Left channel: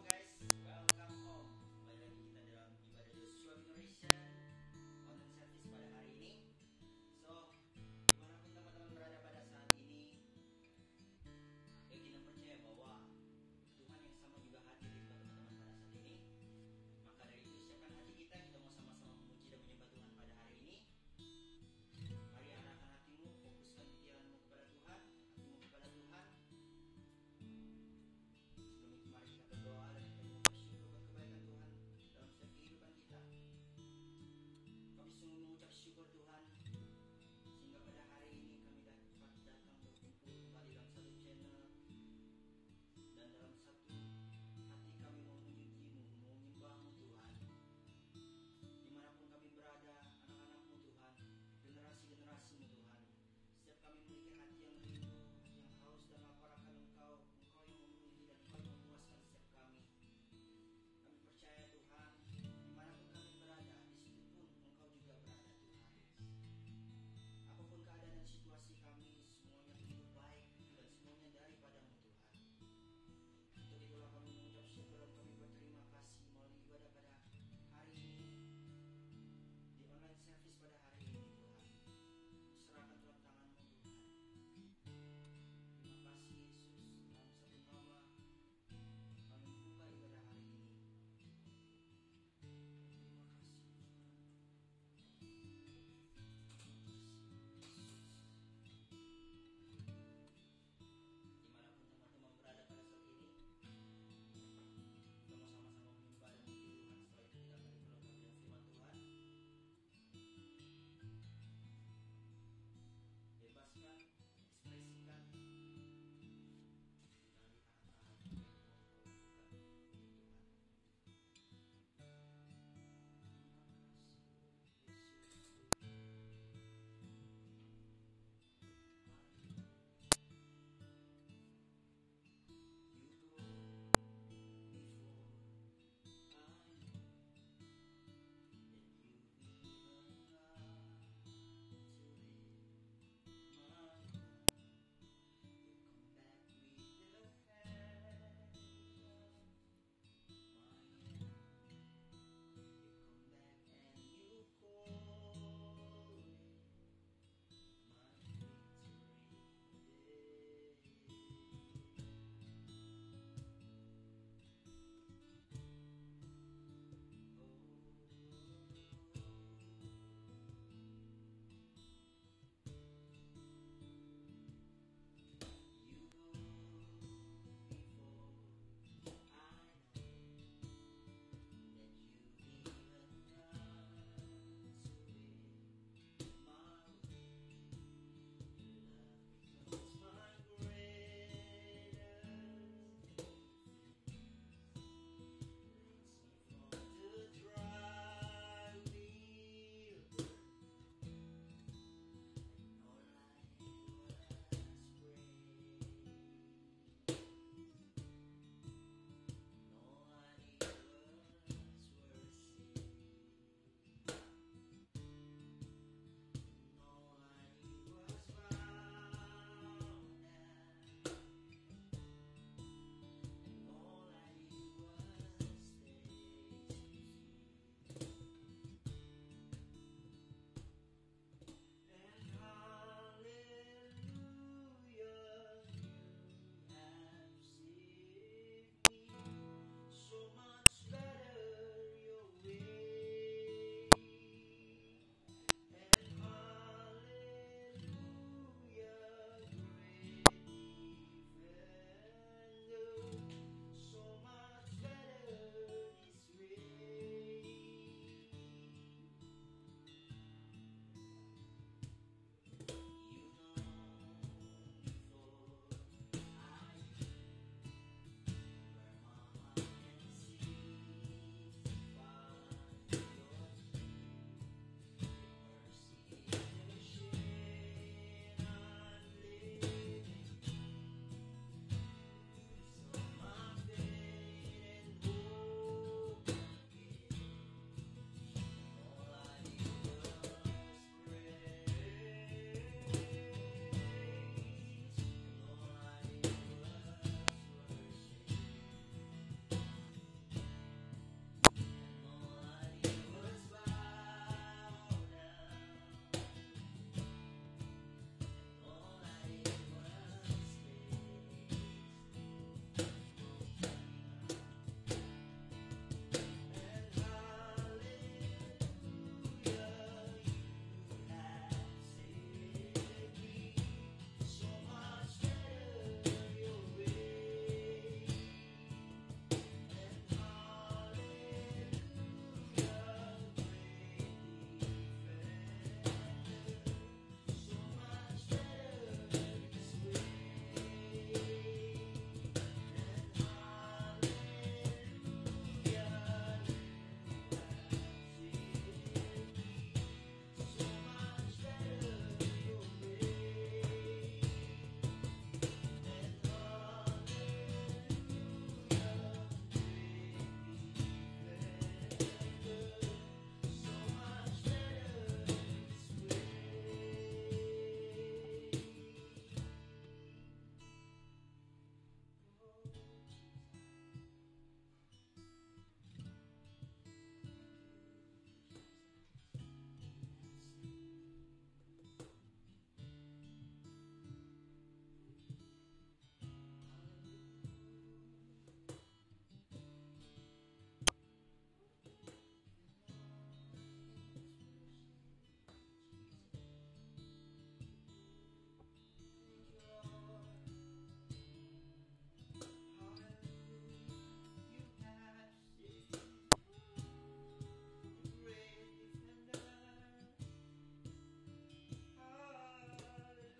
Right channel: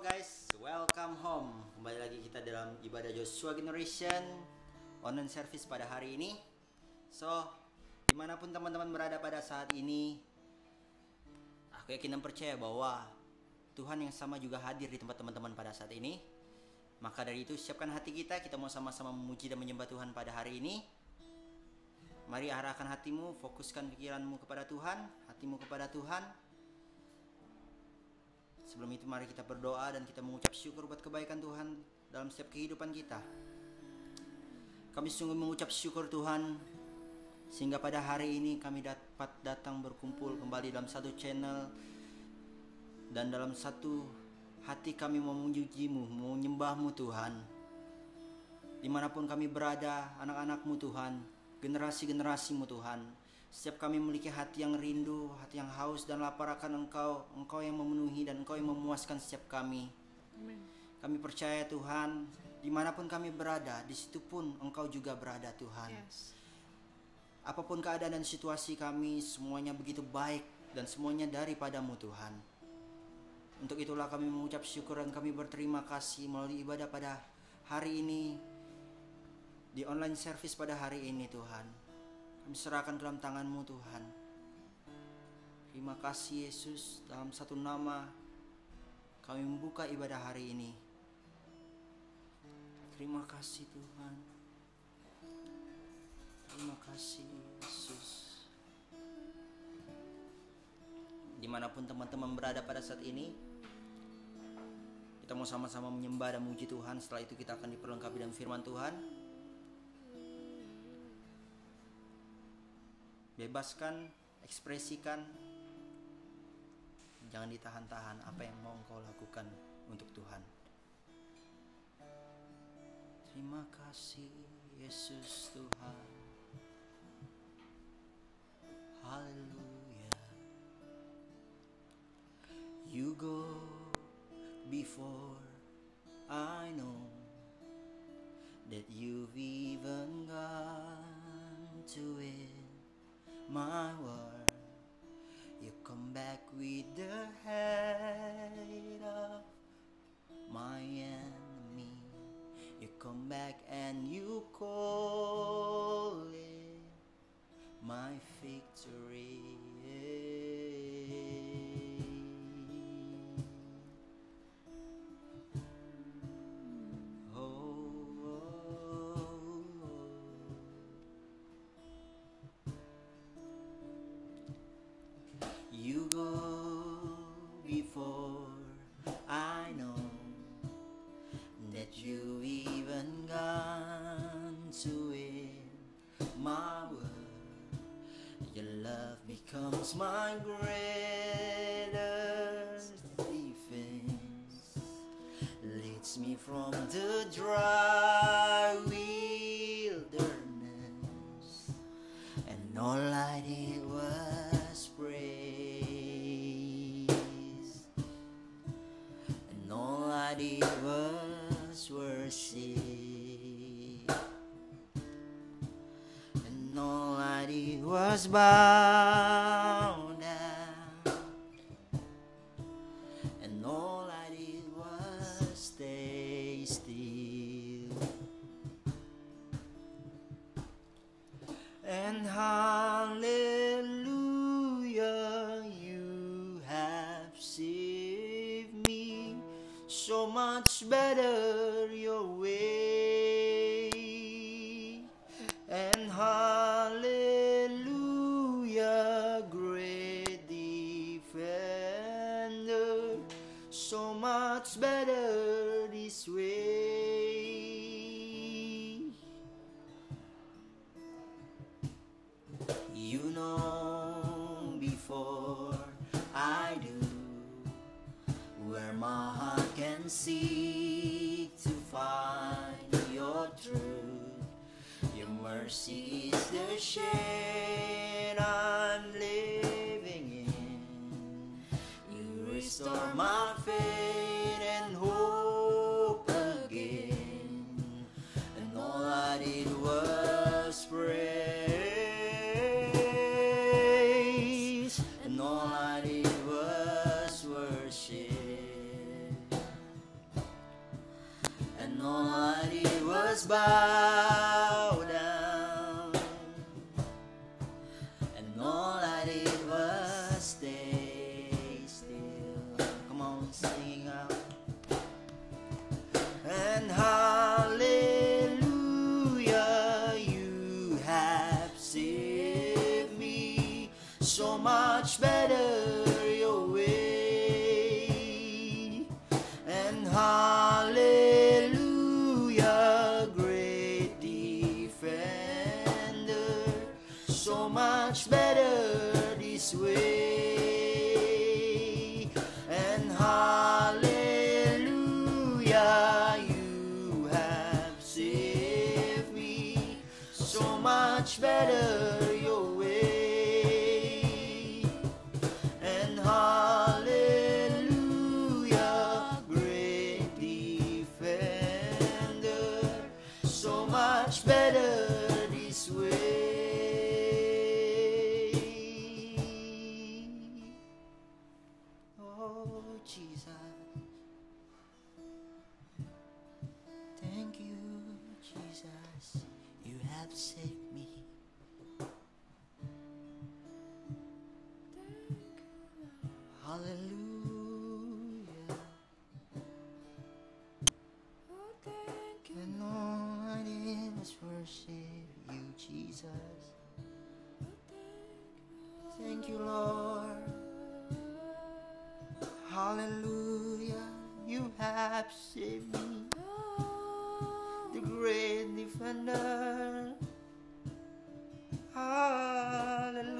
Halo guys, welcome home. Kembali lagi kita dalam ibadah Joshua Generation online service pada hari ini. So, dimanapun teman-teman berada pada saat ini, aku yakin dan percaya bahwa Tuhan yang sama juga hadir di tempat teman-teman pada saat ini. Maka dari itu siapkan hati kita mau sama-sama memuji dan menyembah Tuhan pada hari ini. Mari arahkan hatimu, fokuskan pikiranmu kepada Tuhan, hatimu kepada Tuhan. Sebelum itu mari kita berdoa dan kita mengucap syukur buat kebaikan Tuhan dalam setiap kehidupan kita. Kami sungguh mengucap syukur Tuhan, sehingga pada hari ini kami dapat datang berkumpul kembali dalam satu channel dan dalam satu hati kami mau memuji-Mu, mau menyembah-Mu Tuhan. Dimanapun kami berada, anak-anak-Mu Tuhan, generasi-generasi-Mu Tuhan, setiap kami memiliki hati yang rindu, hati yang haus dan lapar akan Engkau, Engkau yang memenuhi dan Engkau yang memuaskan setiap kami. Amen. Kami percaya Tuhan, dimanapun kami berada, di situ pun Engkau juga berada Tuhan. Yes. Apapun keadaan dan situasi kami, semuanya begitu baik dan semuanya daripada-Mu Tuhan. Untuk itulah kami mengucap syukur dan kami berterima kasih melalui ibadah pada hari ini, di online service pada hari ini Tuhan. Kami serahkan ke dalam tangan-Mu Tuhan. Terima kasih Yesus, dalam satu nama kami membuka ibadah hari ini. Terima kasih Tuhan. Terima kasih Yesus. Dimanapun teman-teman berada pada saat ini, kita mau sama-sama menyembah dan memuji Tuhan. Setelah itu kita akan diperlengkapi dengan firman Tuhan. Bebaskan, ekspresikan, jangan ditahan-tahan apa yang mau engkau lakukan untuk Tuhan. Terima kasih Yesus Tuhan. Haleluya. You go before I know that you've even gone to it. My word, you come back with the head of my enemy. You come back and you call it my victory. You go before I know that you even gone to win my word. Your love becomes my greatest defense. Leads me from the dry wilderness, and all I did was praise, and all I did was worship, and all I did was bow down, and all I did was stay still. And hallelujah, you have saved me. So much better your way. And hallelujah, great defender. So much better this way. You know before I do where my heart can seek to find your truth. Your mercy is the shade I'm living in. You restore my faith and hope again. And all I did was praise, and all I did was worship. must bow down, and all I did was stay still. Come on, sing out. And hallelujah, you have saved me so much better your way. And hallelujah, great defender, so much better this way. And hallelujah, you have saved me so much better your way. And hallelujah, great defender, so much better this way. Oh Jesus, thank you Jesus, you have saved me. Hallelujah. And all I did was worship you, Jesus. Thank you, Lord. Hallelujah, you have saved me, the great defender. Hallelujah.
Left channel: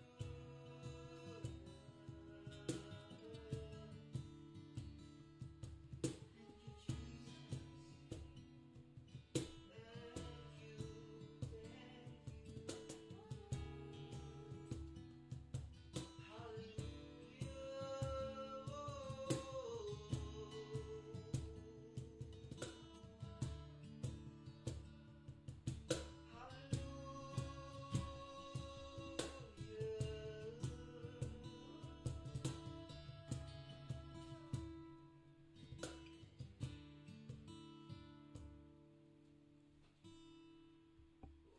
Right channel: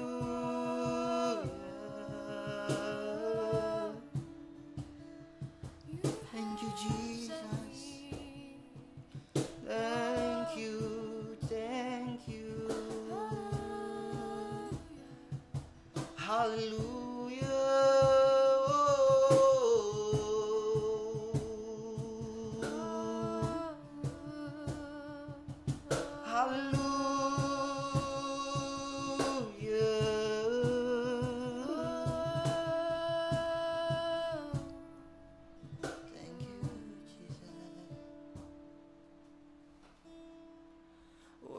Thank you, Jesus. Thank you, thank you.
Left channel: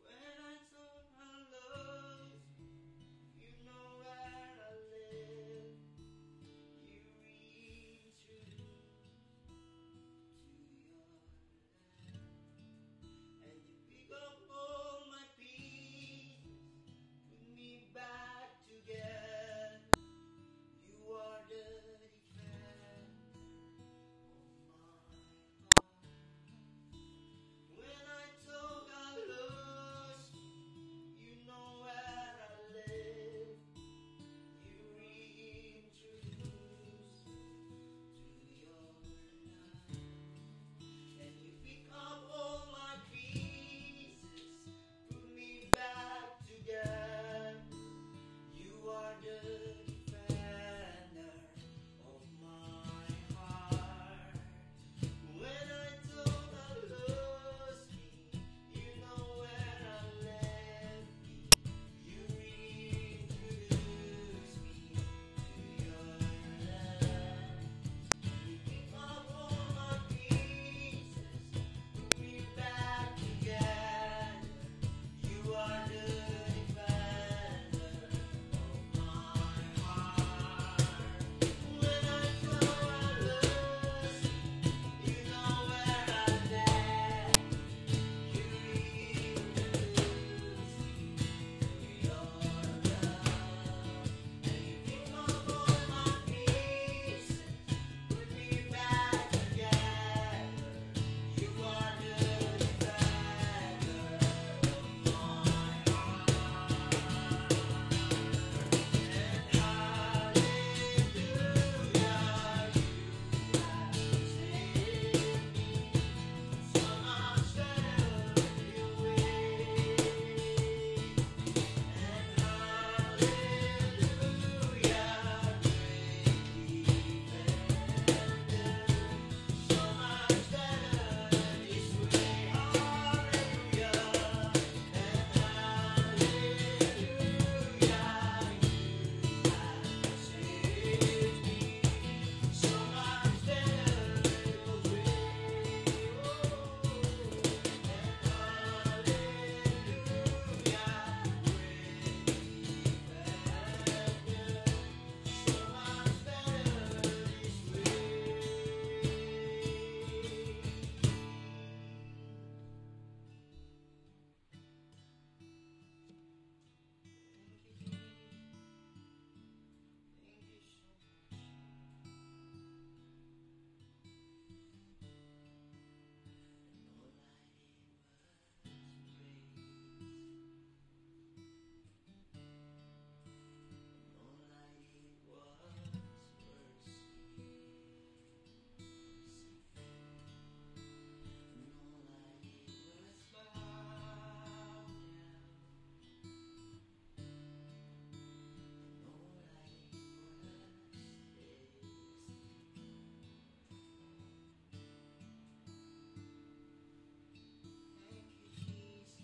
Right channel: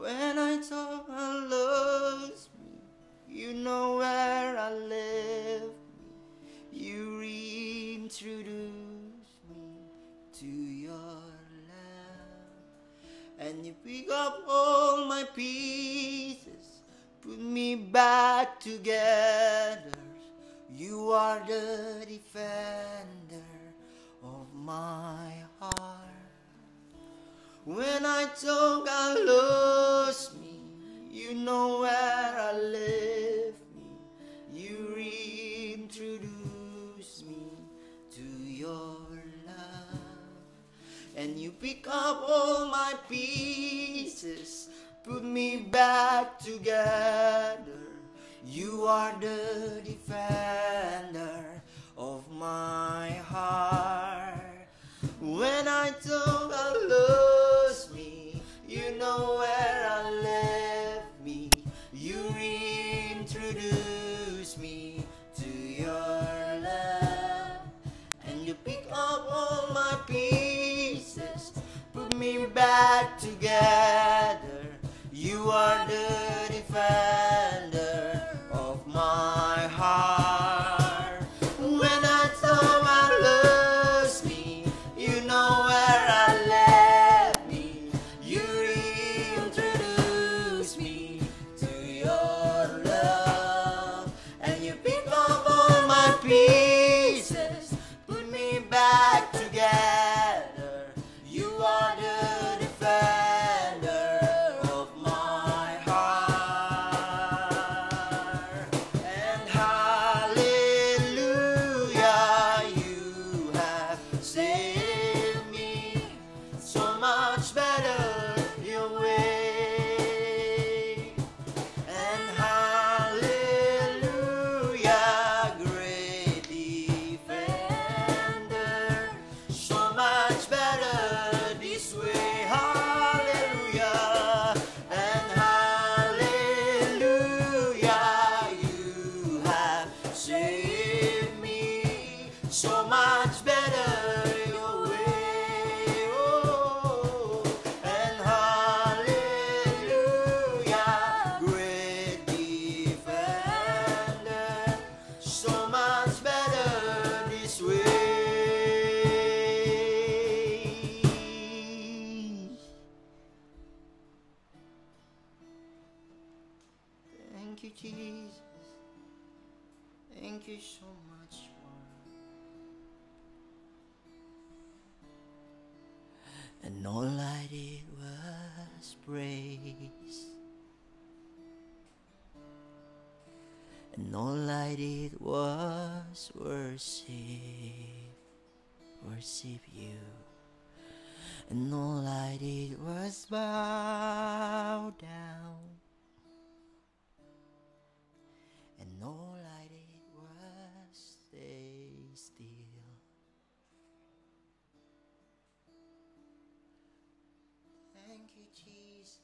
When I thought I lost me, you know where I live. You reintroduced me to your love, and you pick up all my pieces, put me back together. You are the defender of my heart. When I thought I lost me, you know where I left me. You reintroduced me to your love, and you pick up all my pieces, put me back together. You are the defender of my heart. When I thought I lost me, you know where I left me. You reintroduced me to your love, and you pick up all my pieces, put me back together. You are the defender of my heart. you so much more. And all I did was praise. And all I did was worship you. And all I did was bow down. And all I did was stay still. Thank you, Jesus.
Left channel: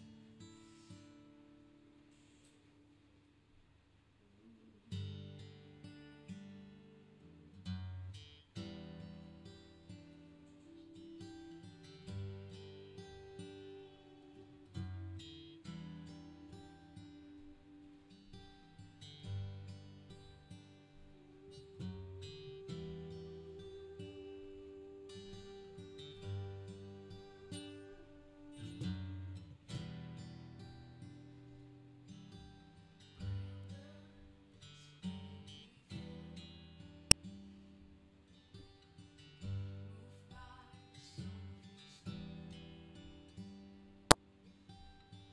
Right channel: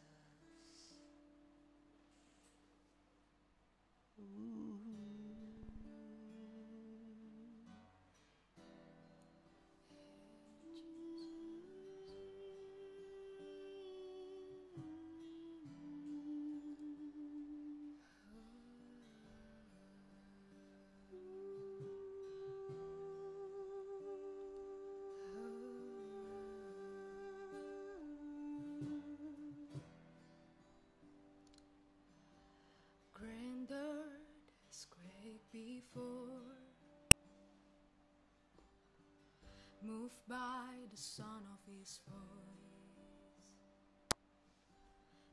Grander is great before, moved by the sound of his voice.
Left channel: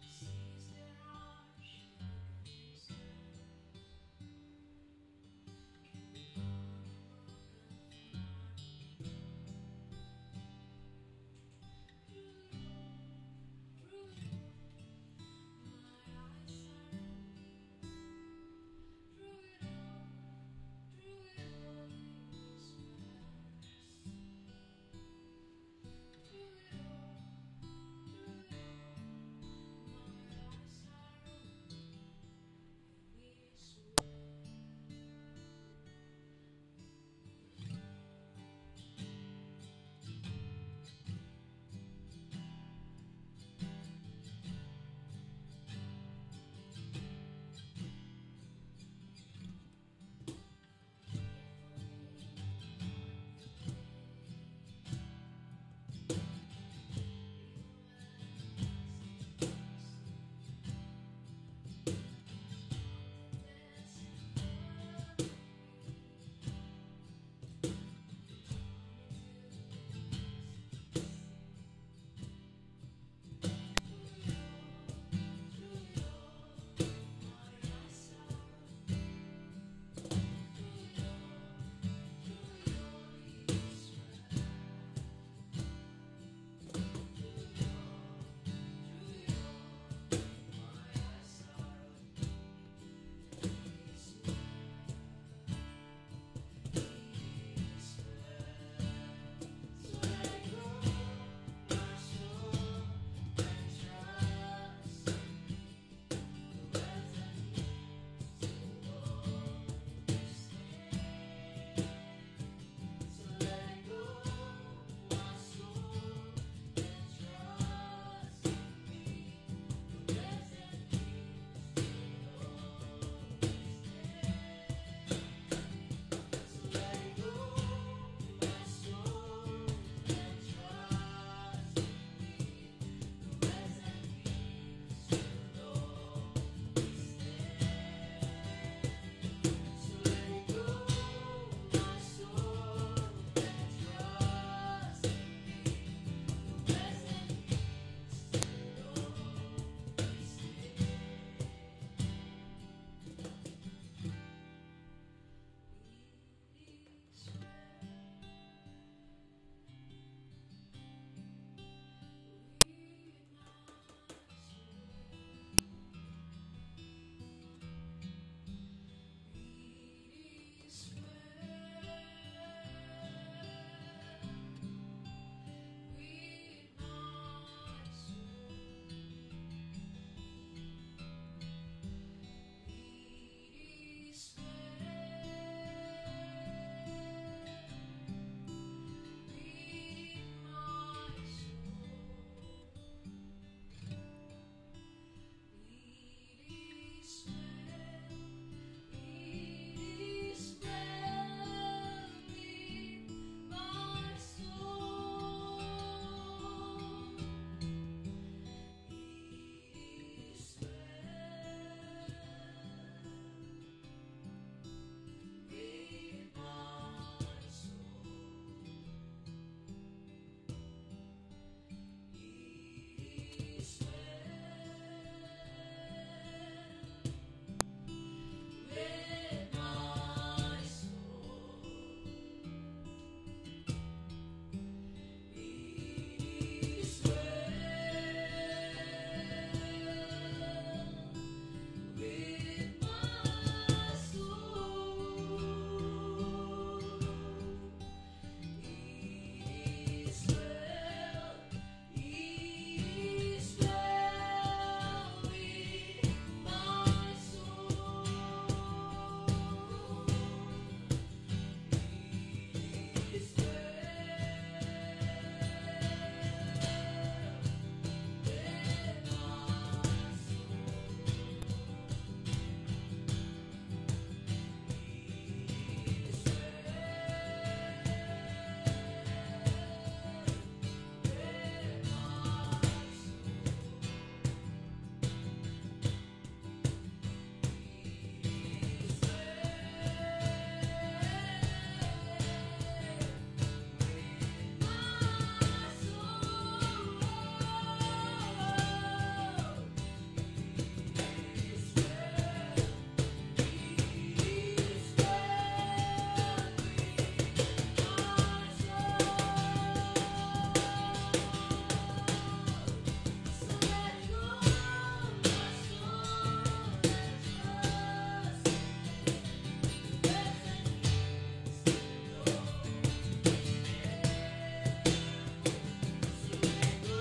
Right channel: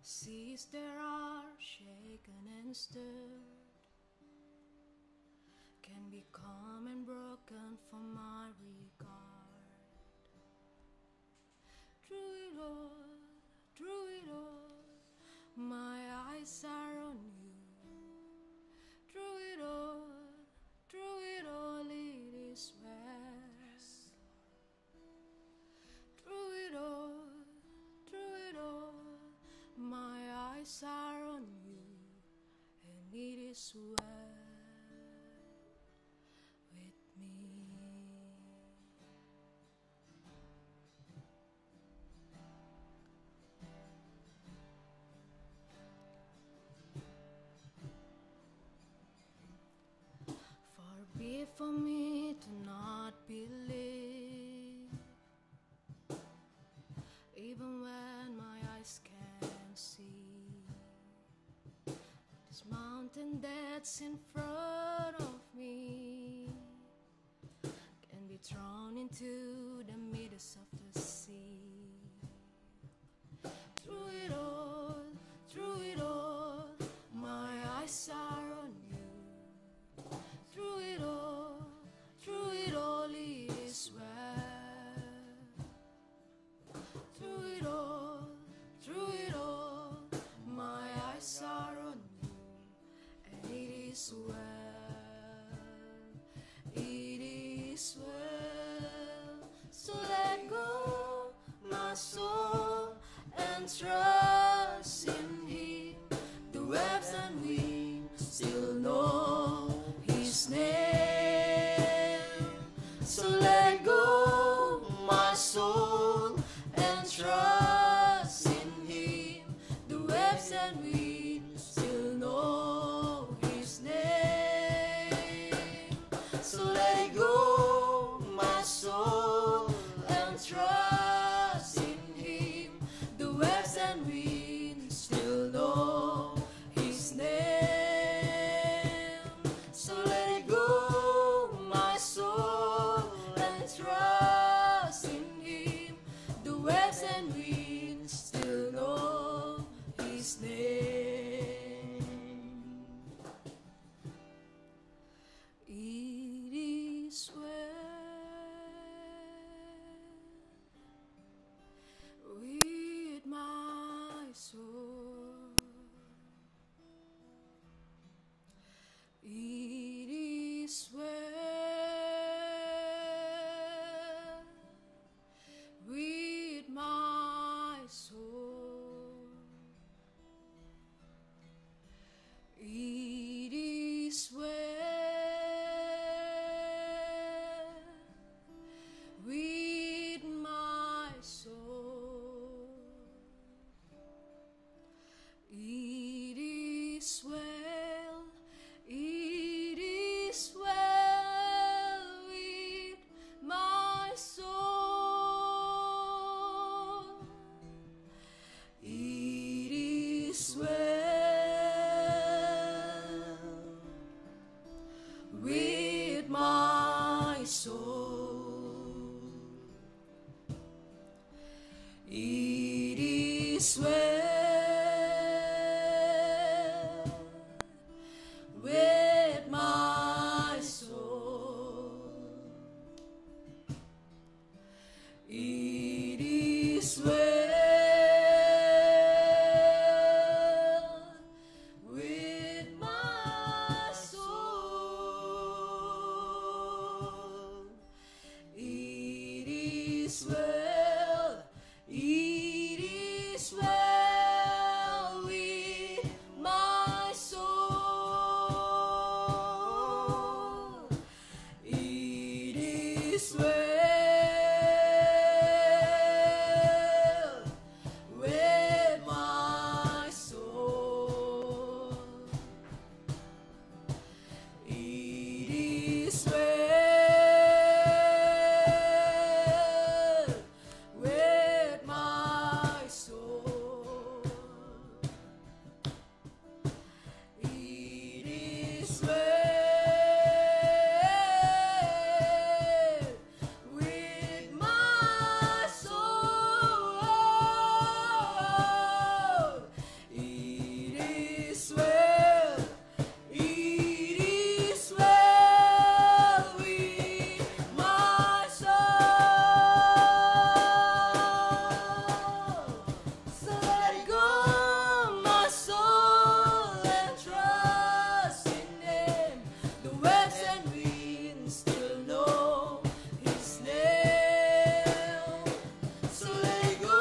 Seas there are shaken and stirred, can be calm and broken for my regard. Through it all, my eyes are on you. Through it all, it is rest. Through it all, my eyes are on you, and it is well with me. Far be it for me to not believe, even when my eyes can't see. This mountain that's in front of me can be thrown into the midst of the sea. Through it all, my eyes are on you. Through it all, is well with my soul. It is well with my soul. It is well. It is well with my soul. It is well with my soul. It is well with my soul. It is well with my soul. It is well. It is well with my soul. So let go, my soul, and trust in Him. The waves and winds still know His name. So let go,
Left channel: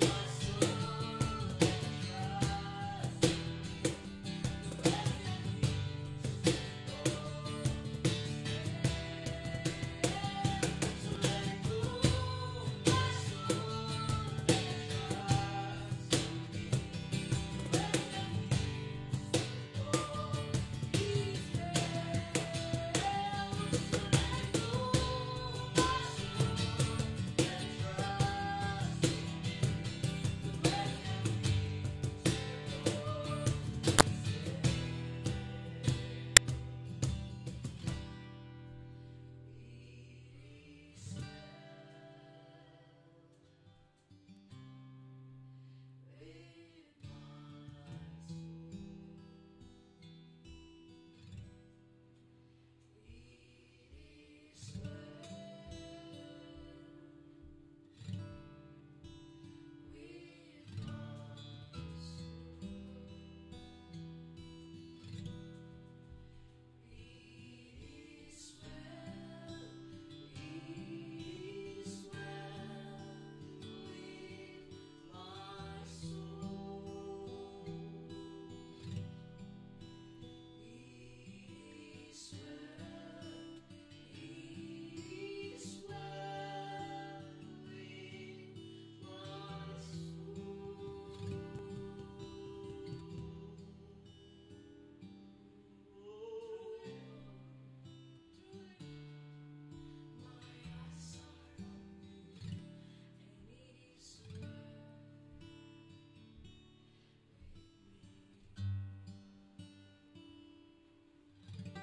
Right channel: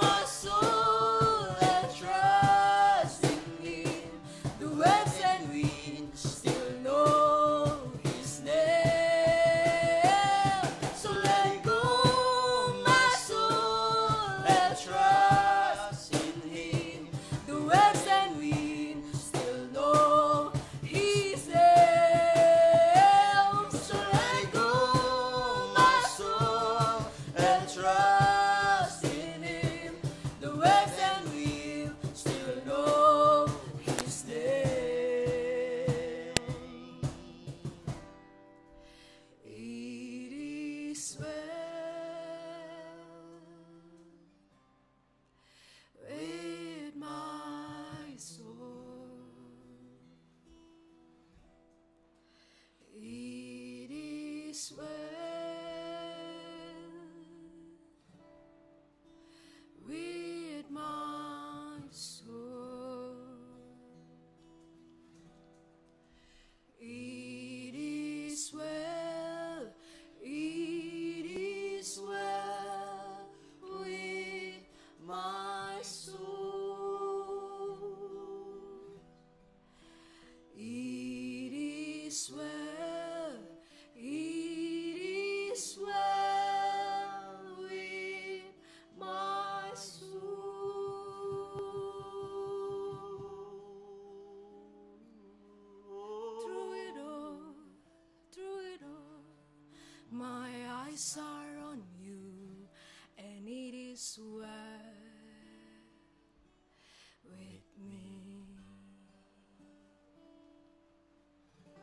my soul, and trust in Him. The waves and winds still know His name. So let go, my soul, and trust in Him. The waves and winds still know His name. So let go, my soul, and trust in Him. The waves and winds still know His name. It is well with my soul. It is well with my soul. It is well. It is well with my soul. It is well. It is well with my soul. Through it all, my eyes are on you, and it is well with me. Thank you,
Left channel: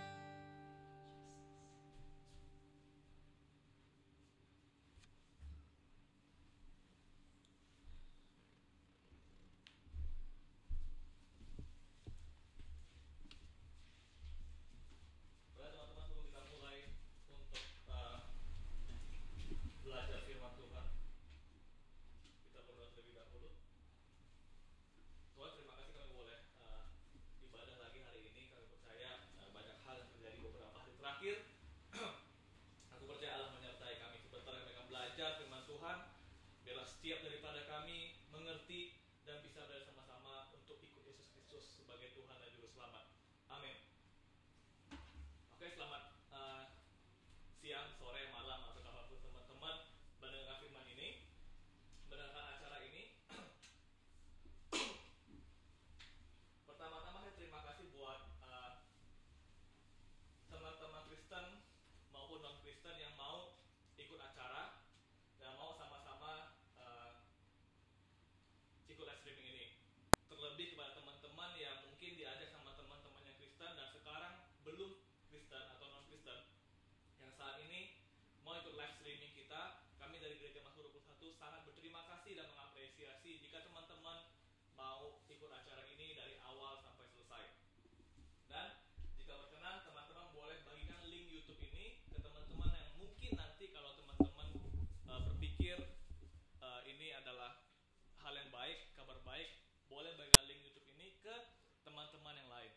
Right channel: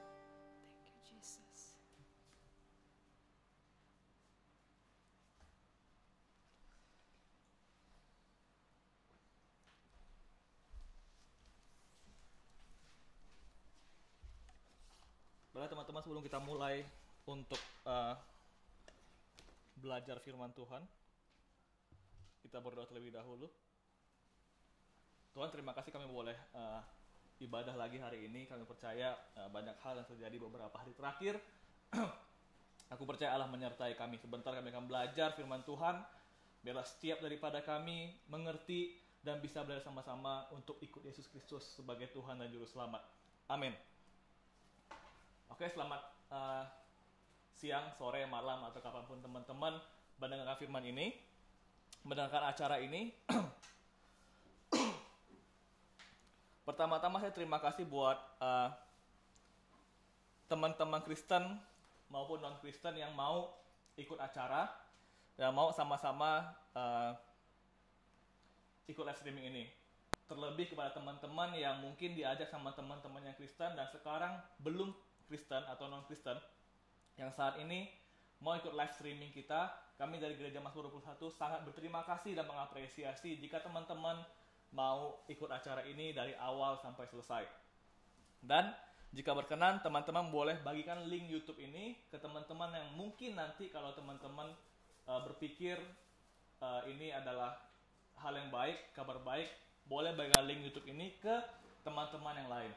Jesus. Baiklah teman-teman, sebelum kita mulai untuk belajar firman Tuhan, kita berdoa terlebih dahulu. Tuhan, terima kasih kami boleh ibadah lagi hari ini. Kami percaya banyak hal yang terjadi beberapa hari terakhir. Aku percaya Allah menyertai kami. Sebentar kami akan belajar firman Tuhan. Biarlah setiap daripada kami mengerti dan bisa belajar sama-sama untuk ikut Yesus Kristus sebagai Tuhan dan Juru Selamat. Amin. Oke, selamat siang, sore, malam, atau kapanpun teman-teman mendengarkan firman ini, mendengarkan acara ini. Pertama-tama saya terima kasih buat teman-teman Kristen maupun non-Kristen yang mau ikut acara dan mau sama-sama ikut live streaming ini. Terlebih kepada teman-teman yang mungkin diajak sama teman-teman yang Kristen dan sekarang belum Kristen atau non-Kristen, yang saat ini mau ikut live streaming kita, kami dari Gereja Mazmur 21 sangat berterima kasih dan mengapresiasi jika teman-teman mau ikut acara ini dari awal sampai selesai. Dan jika berkenan, teman-teman boleh bagikan link YouTube ini ke teman-teman yang mungkin nanti kalau teman-teman berpikir ini adalah hal yang baik, kabar baik, boleh bagikan link YouTube ini ke teman-teman yang lain.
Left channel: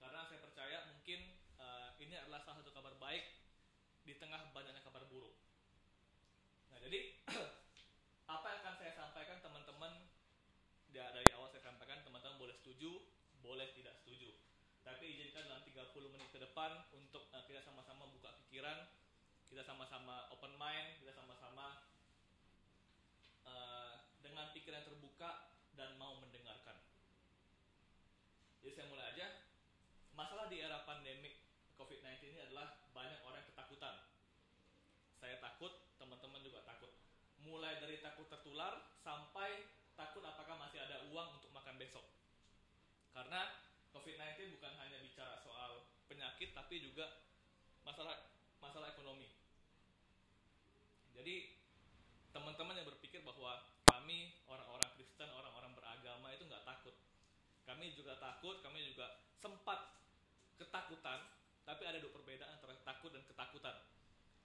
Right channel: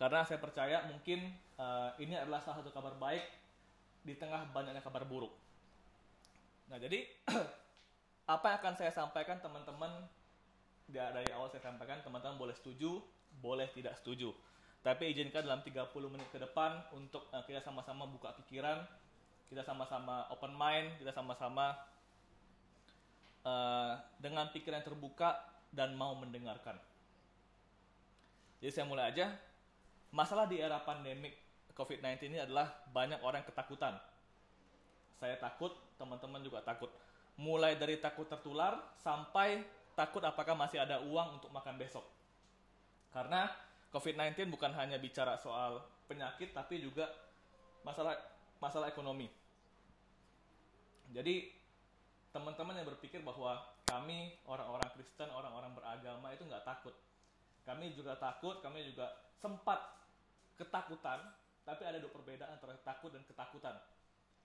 Karena saya percaya mungkin ini adalah salah satu kabar baik di tengah banyaknya kabar buruk. Nah, jadi apa yang akan saya sampaikan teman-teman, dari awal saya sampaikan, teman-teman boleh setuju, boleh tidak setuju. Tapi izinkan dalam 30 menit ke depan untuk kita sama-sama buka pikiran, kita sama-sama open mind, kita sama-sama dengan pikiran terbuka dan mau mendengarkan. Jadi saya mulai aja. Masalah di era pandemik COVID-19 ini adalah banyak orang ketakutan. Saya takut, teman-teman juga takut. Mulai dari takut tertular sampai takut apakah masih ada uang untuk makan besok. Karena COVID-19 bukan hanya bicara soal penyakit, tapi juga masalah ekonomi. Jadi teman-teman yang berpikir bahwa kami orang-orang Kristen, orang-orang beragama itu nggak takut. Kami juga takut, kami juga sempat ketakutan, tapi ada dua perbedaan antara takut dan ketakutan.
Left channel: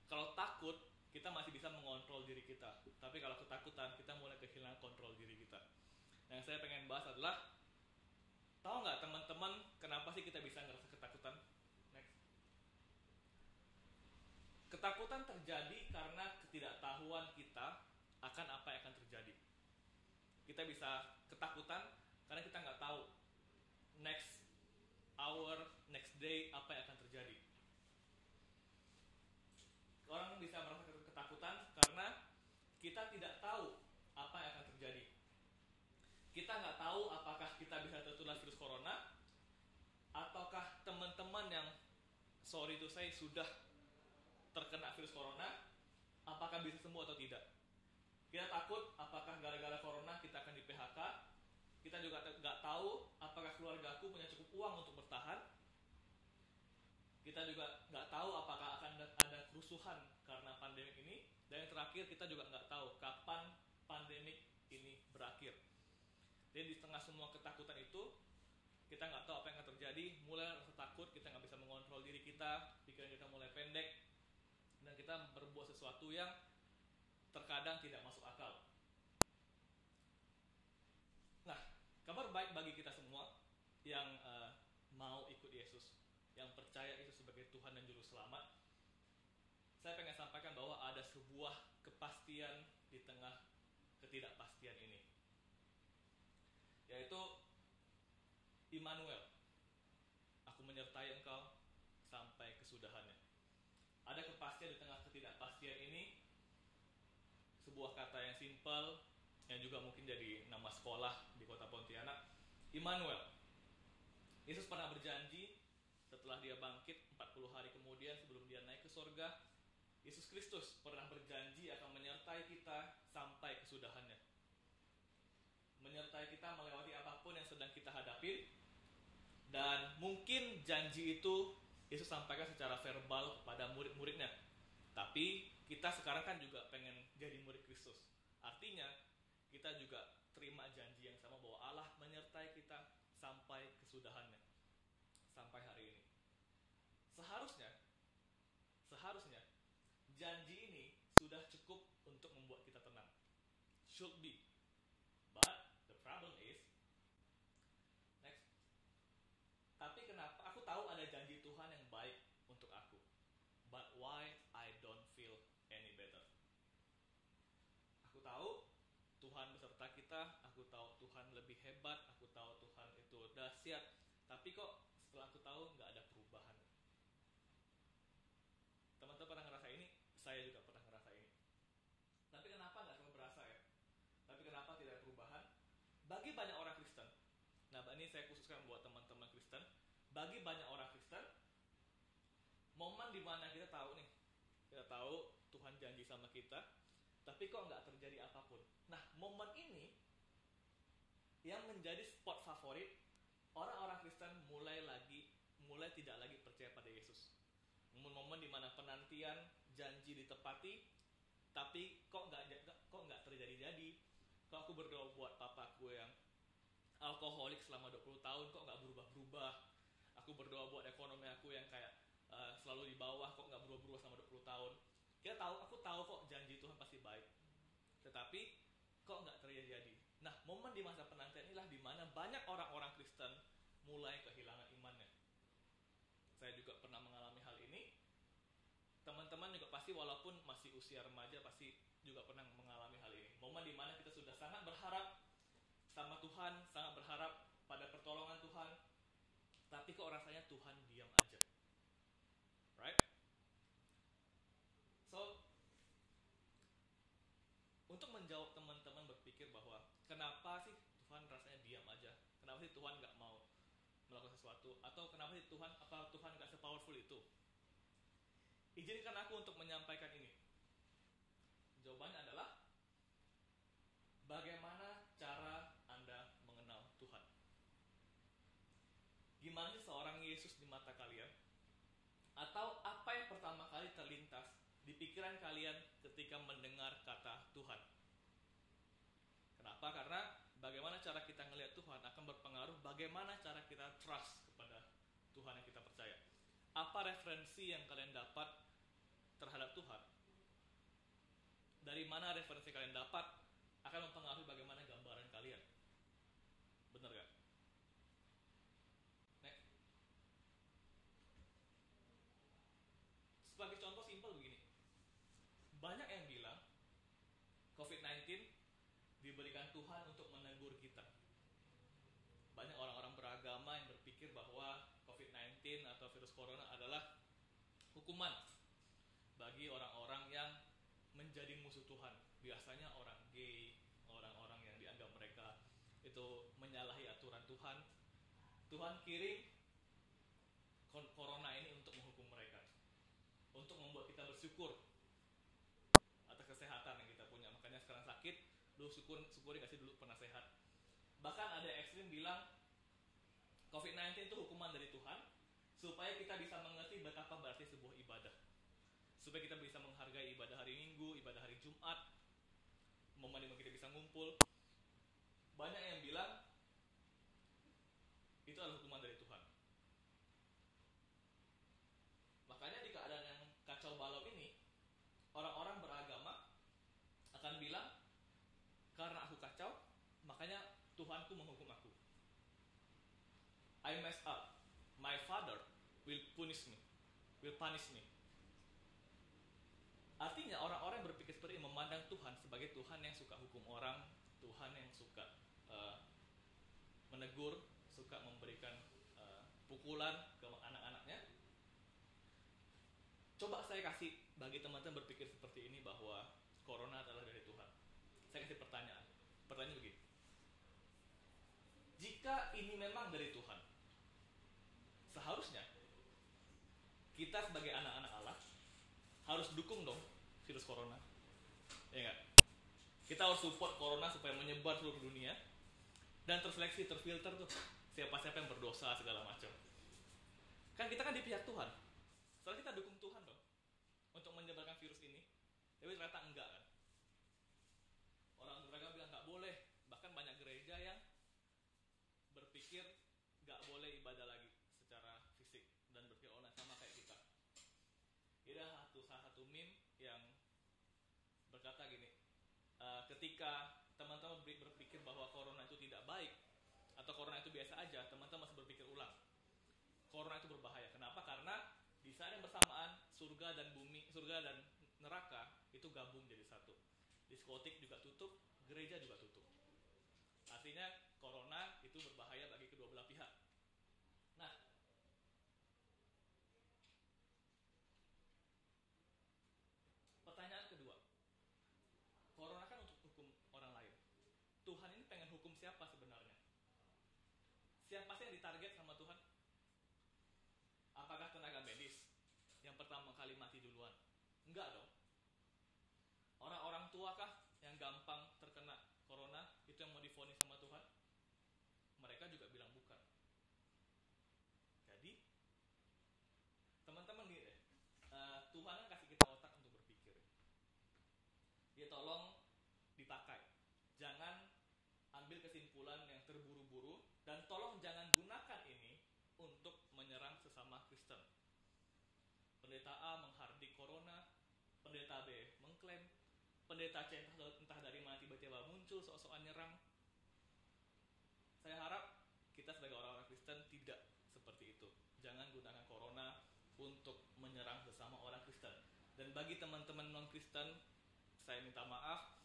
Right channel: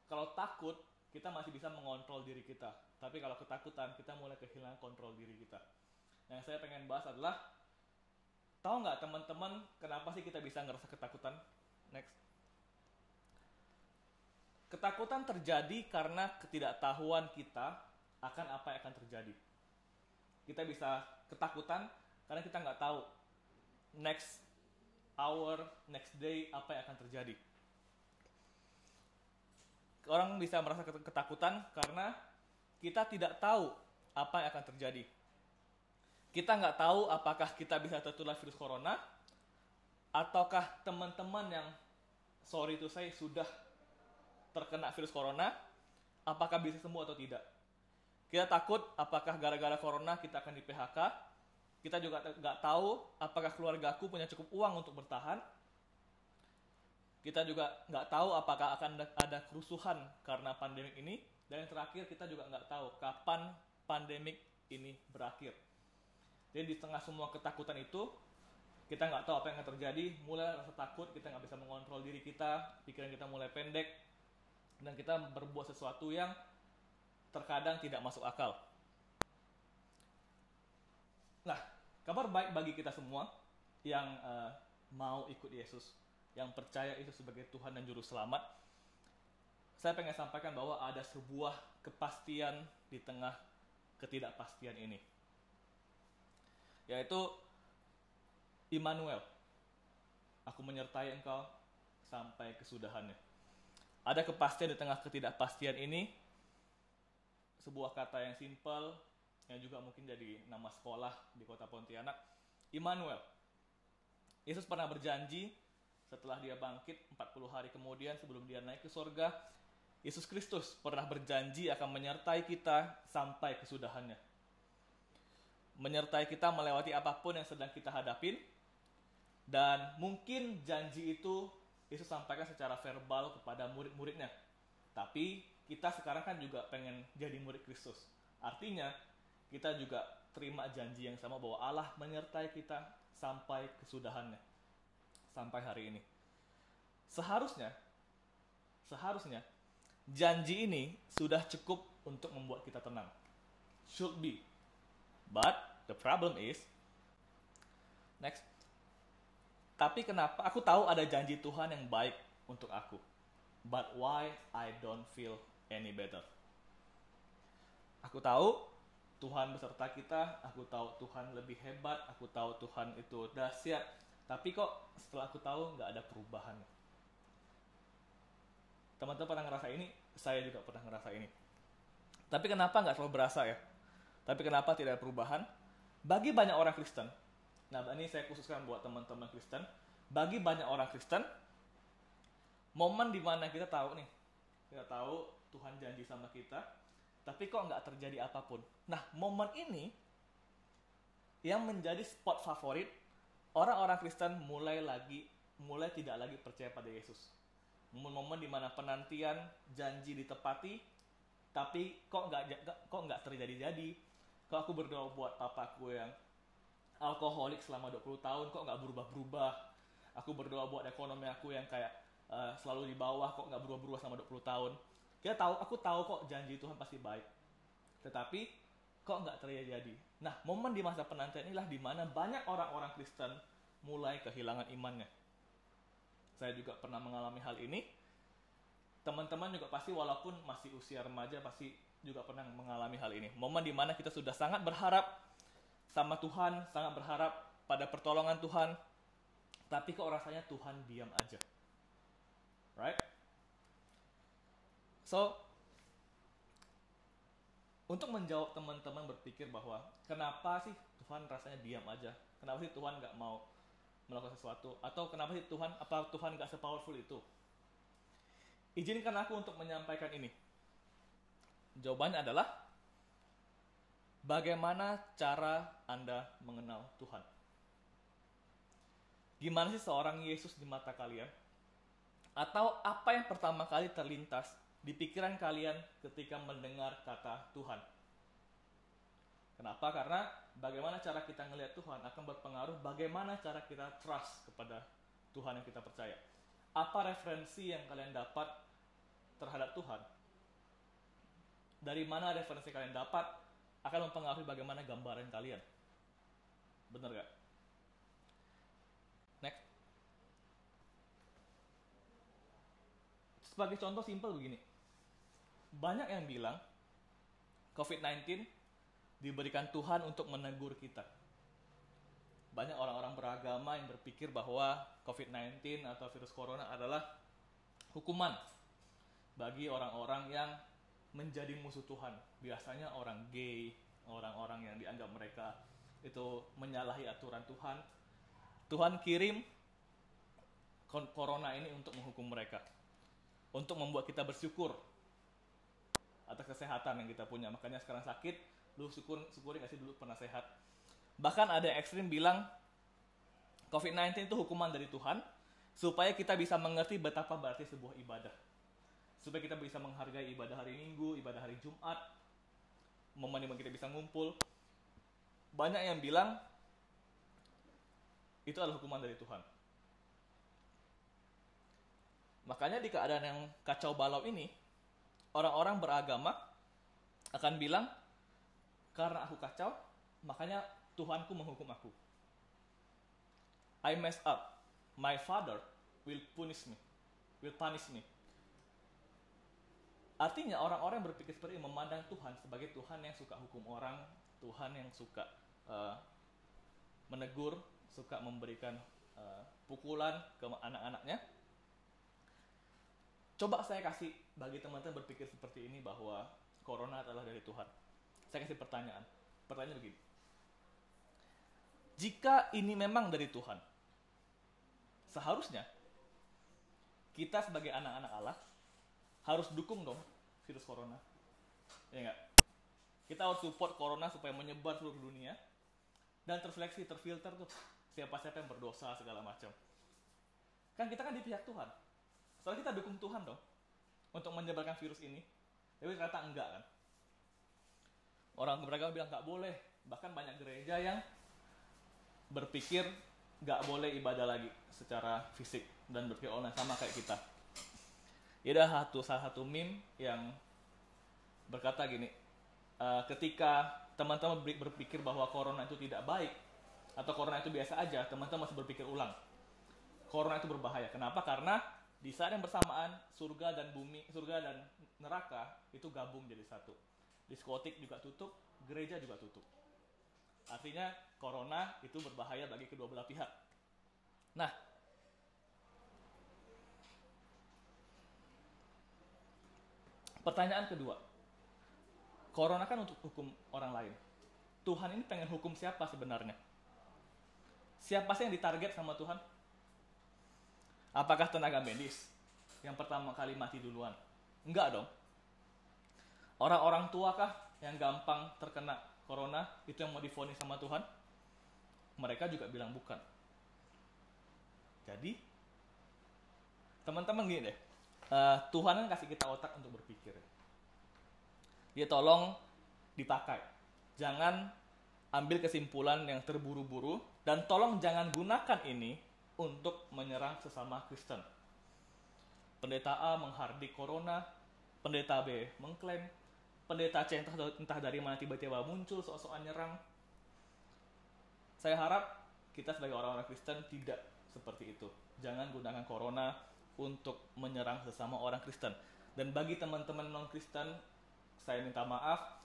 Kalau takut, kita masih bisa mengontrol diri kita. Tapi kalau ketakutan, kita mulai kehilangan kontrol diri kita. Nah, yang saya pengen bahas adalah, tahu nggak teman-teman kenapa sih kita bisa ngerasa ketakutan? Next. Ketakutan terjadi karena ketidaktahuan kita akan apa yang akan terjadi. Kita bisa ketakutan karena kita nggak tahu next hour, next day, apa yang akan terjadi. Orang bisa merasa ketakutan karena kita tidak tahu apa yang akan terjadi. Kita nggak tahu apakah kita bisa tertular virus corona, ataukah teman-teman yang sorry to say sudah terkena virus corona, apakah bisa sembuh atau tidak. Kita takut apakah gara-gara corona kita akan di PHK. Kita juga nggak tahu apakah keluargaku punya cukup uang untuk bertahan. Kita juga nggak tahu apakah akan ada kerusuhan karena pandemik ini. Dan yang terakhir, kita juga nggak tahu kapan pandemik ini berakhir. Jadi di tengah semua ketakutan itu, kita nggak tahu apa yang akan terjadi. Mulai rasa takut, kita nggak bisa mengontrol diri kita, pikiran kita mulai pendek, dan kita berbuat sesuatu yang terkadang tidak masuk akal. Nah, kabar baik bagi kita semua yang mau ikut Yesus, yang percaya Yesus sebagai Tuhan dan Juru Selamat. Saya pengen sampaikan bahwa ada sebuah kepastian di tengah ketidakpastian ini, yaitu Immanuel. Aku menyertai engkau sampai kesudahannya. Ada kepastian di tengah ketidakpastian ini. Sebuah kata yang simpel, yang juga mungkin jadi nama sekolah di kota Pontianak, Immanuel. Yesus pernah berjanji setelah dia bangkit 40 hari kemudian sebelum dia naik ke surga, Yesus Kristus pernah berjanji akan menyertai kita sampai kesudahannya. Menyertai kita melewati apapun yang sedang kita hadapin. Dan mungkin janji itu Yesus sampaikan secara verbal kepada murid-muridnya. Tapi kita sekarang kan juga pengen jadi murid Kristus. Artinya kita juga terima janji yang sama bahwa Allah menyertai kita sampai kesudahannya. Sampai hari ini. Seharusnya janji ini sudah cukup untuk membuat kita tenang. Should be. But the problem is, next. Tapi kenapa? Aku tahu ada janji Tuhan yang baik untuk aku. But why I don't feel any better? Aku tahu Tuhan beserta kita, aku tahu Tuhan lebih hebat, aku tahu Tuhan itu dahsyat. Tapi kok setelah aku tahu nggak ada perubahan. Teman-teman pernah ngerasa ini? Saya juga pernah ngerasa ini. Tapi kenapa nggak selalu berasa ya? Tapi kenapa tidak ada perubahan? Bagi banyak orang Kristen, nah ini saya khususkan buat teman-teman Kristen, bagi banyak orang Kristen, momen dimana kita tahu Tuhan janji sama kita, tapi kok nggak terjadi apapun. Nah, momen ini yang menjadi spot favorit orang-orang Kristen mulai tidak lagi percaya pada Yesus. momen-momen di mana penantian janji ditepati, tapi kok nggak terjadi-jadi. Kok aku berdoa buat papaku yang alkoholik selama 20 tahun kok nggak berubah-berubah. Aku berdoa buat ekonomi aku yang kayak selalu di bawah, kok nggak berubah-berubah selama 20 tahun. Aku tahu kok janji Tuhan pasti baik, tetapi kok nggak terjadi. Nah, momen di masa penantian inilah di mana banyak orang-orang Kristen mulai kehilangan imannya. Saya juga pernah mengalami hal ini. Teman-teman juga pasti walaupun masih usia remaja pasti juga pernah mengalami hal ini. Momen di mana kita sudah sangat berharap sama Tuhan, sangat berharap pada pertolongan Tuhan, tapi kok rasanya Tuhan diam aja. Right? So, untuk menjawab teman-teman berpikir bahwa kenapa sih Tuhan rasanya diam aja? Kenapa sih Tuhan nggak mau melakukan sesuatu? Atau kenapa sih apa Tuhan nggak se-powerful itu? Izinkan aku untuk menyampaikan ini. Jawabannya adalah, bagaimana cara Anda mengenal Tuhan? Gimana sih seorang Yesus di mata kalian? Atau apa yang pertama kali terlintas di pikiran kalian ketika mendengar kata Tuhan? Kenapa? Karena bagaimana cara kita melihat Tuhan akan berpengaruh bagaimana cara kita trust kepada Tuhan yang kita percaya. Apa referensi yang kalian dapat terhadap Tuhan? Dari mana referensi kalian dapat akan mempengaruhi bagaimana gambaran kalian. Bener gak? Next. Sebagai contoh simpel begini. Banyak yang bilang COVID-19 diberikan Tuhan untuk menegur kita. Banyak orang-orang beragama yang berpikir bahwa COVID-19 atau virus corona adalah hukuman bagi orang-orang yang menjadi musuh Tuhan. Biasanya orang gay, orang-orang yang dianggap mereka itu menyalahi aturan Tuhan. Tuhan kirim corona ini untuk menghukum mereka, untuk membuat kita bersyukur atas kesehatan yang kita punya. Makanya sekarang sakit, lu syukuri gak sih dulu pernah sehat. Bahkan ada yang ekstrim bilang COVID-19 itu hukuman dari Tuhan supaya kita bisa mengerti betapa berarti sebuah ibadah, supaya kita bisa menghargai ibadah hari Minggu, ibadah hari Jumat, momen dimana kita bisa ngumpul. Banyak yang bilang itu adalah hukuman dari Tuhan. Makanya di keadaan yang kacau balau ini, orang-orang beragama akan bilang, karena aku kacau, makanya Tuhanku menghukum aku. I messed up. My father will punish me. Artinya orang-orang yang berpikir seperti ini memandang Tuhan sebagai Tuhan yang suka hukum orang, Tuhan yang suka menegur, suka memberikan pukulan ke anak-anaknya. Coba saya kasih bagi teman-teman berpikir seperti ini bahwa corona adalah dari Tuhan. Saya kasih pertanyaan. Pertanyaan begini. Jika ini memang dari Tuhan, seharusnya kita sebagai anak-anak Allah harus dukung dong virus corona. Ya enggak? Kita harus support corona supaya menyebar seluruh dunia dan terseleksi, terfilter tuh siapa-siapa yang berdosa segala macam. Kan kita kan di pihak Tuhan. Soalnya kita dukung Tuhan dong untuk menyebarkan virus ini. Tapi ternyata enggak kan. Orang beragama bilang enggak boleh. Bahkan banyak gereja yang berpikir enggak boleh ibadah lagi secara fisik dan berpikir online sama kayak kita. Ada salah satu meme yang berkata gini, ketika teman-teman berpikir bahwa corona itu tidak baik atau corona itu biasa aja, teman-teman masih berpikir ulang. Corona itu berbahaya. Kenapa? Karena di saat yang bersamaan surga dan neraka itu gabung jadi satu. Diskotik juga tutup, gereja juga tutup. Artinya corona itu berbahaya bagi kedua belah pihak. Nah, pertanyaan kedua, corona kan untuk hukum orang lain. Tuhan ini pengen hukum siapa sebenarnya? Siapa sih yang ditarget sama Tuhan? Apakah tenaga medis yang pertama kali mati duluan? Enggak dong. Orang-orang tua kah yang gampang terkena corona itu yang mau divonis sama Tuhan? Mereka juga bilang bukan. Jadi, teman-teman gini deh, Tuhan kan kasih kita otak untuk berpikir. Dia tolong dipakai. Jangan ambil kesimpulan yang terburu-buru, dan tolong jangan gunakan ini untuk menyerang sesama Kristen. Pendeta A menghardik corona, pendeta B mengklaim, pendeta C entah dari mana tiba-tiba muncul sok-sokan nyerang. Saya harap kita sebagai orang-orang Kristen tidak seperti itu. Jangan gunakan corona untuk menyerang sesama orang Kristen. Dan bagi teman-teman non-Kristen, saya minta maaf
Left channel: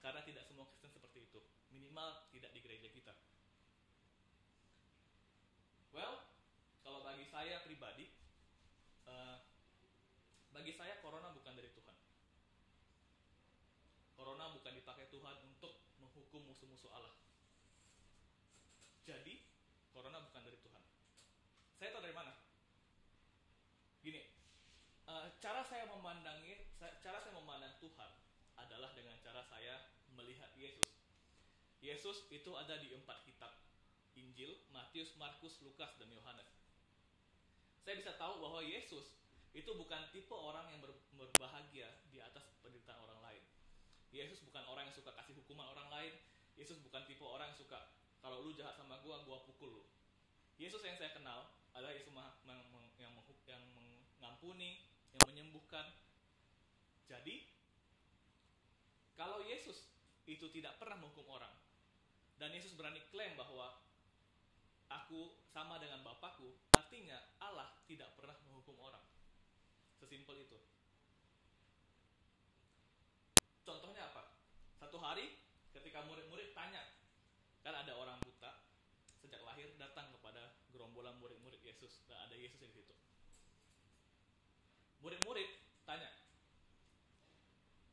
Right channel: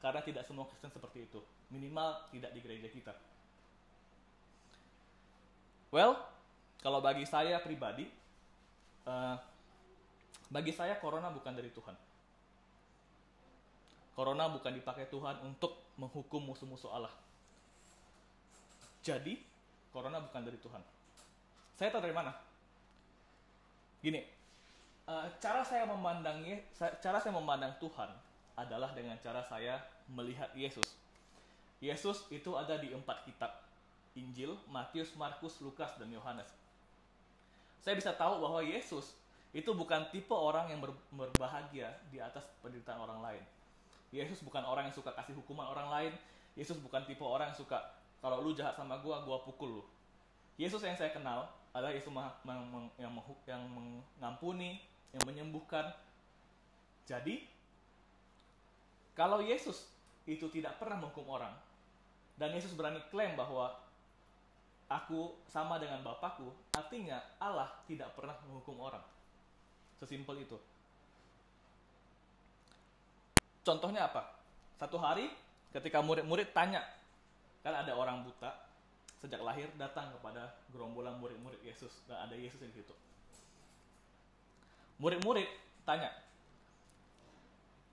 karena tidak semua Kristen seperti itu. Minimal tidak di gereja kita. Well, kalau bagi saya pribadi, bagi saya corona bukan dari Tuhan. Corona bukan dipakai Tuhan untuk menghukum musuh-musuh Allah. Jadi, corona bukan dari Tuhan. Saya tahu dari mana? Gini, cara saya memandang Tuhan adalah dengan cara saya melihat Yesus. Yesus itu ada di 4 kitab Injil, Matius, Markus, Lukas, dan Yohanes. Saya bisa tahu bahwa Yesus itu bukan tipe orang yang berbahagia di atas penderitaan orang lain. Yesus bukan orang yang suka kasih hukuman orang lain. Yesus bukan tipe orang yang suka, kalau lu jahat sama gua pukul lu. Yesus yang saya kenal adalah Yesus yang mengampuni, yang menyembuhkan. Jadi, kalau Yesus itu tidak pernah menghukum orang, dan Yesus berani klaim bahwa aku sama dengan Bapakku, artinya Allah tidak pernah menghukum orang. Sesimpel itu. Contohnya apa? Satu hari ketika murid-murid tanya, kan ada orang buta sejak lahir datang kepada gerombolan murid-murid Yesus, dan ada Yesus di situ. Murid-murid tanya,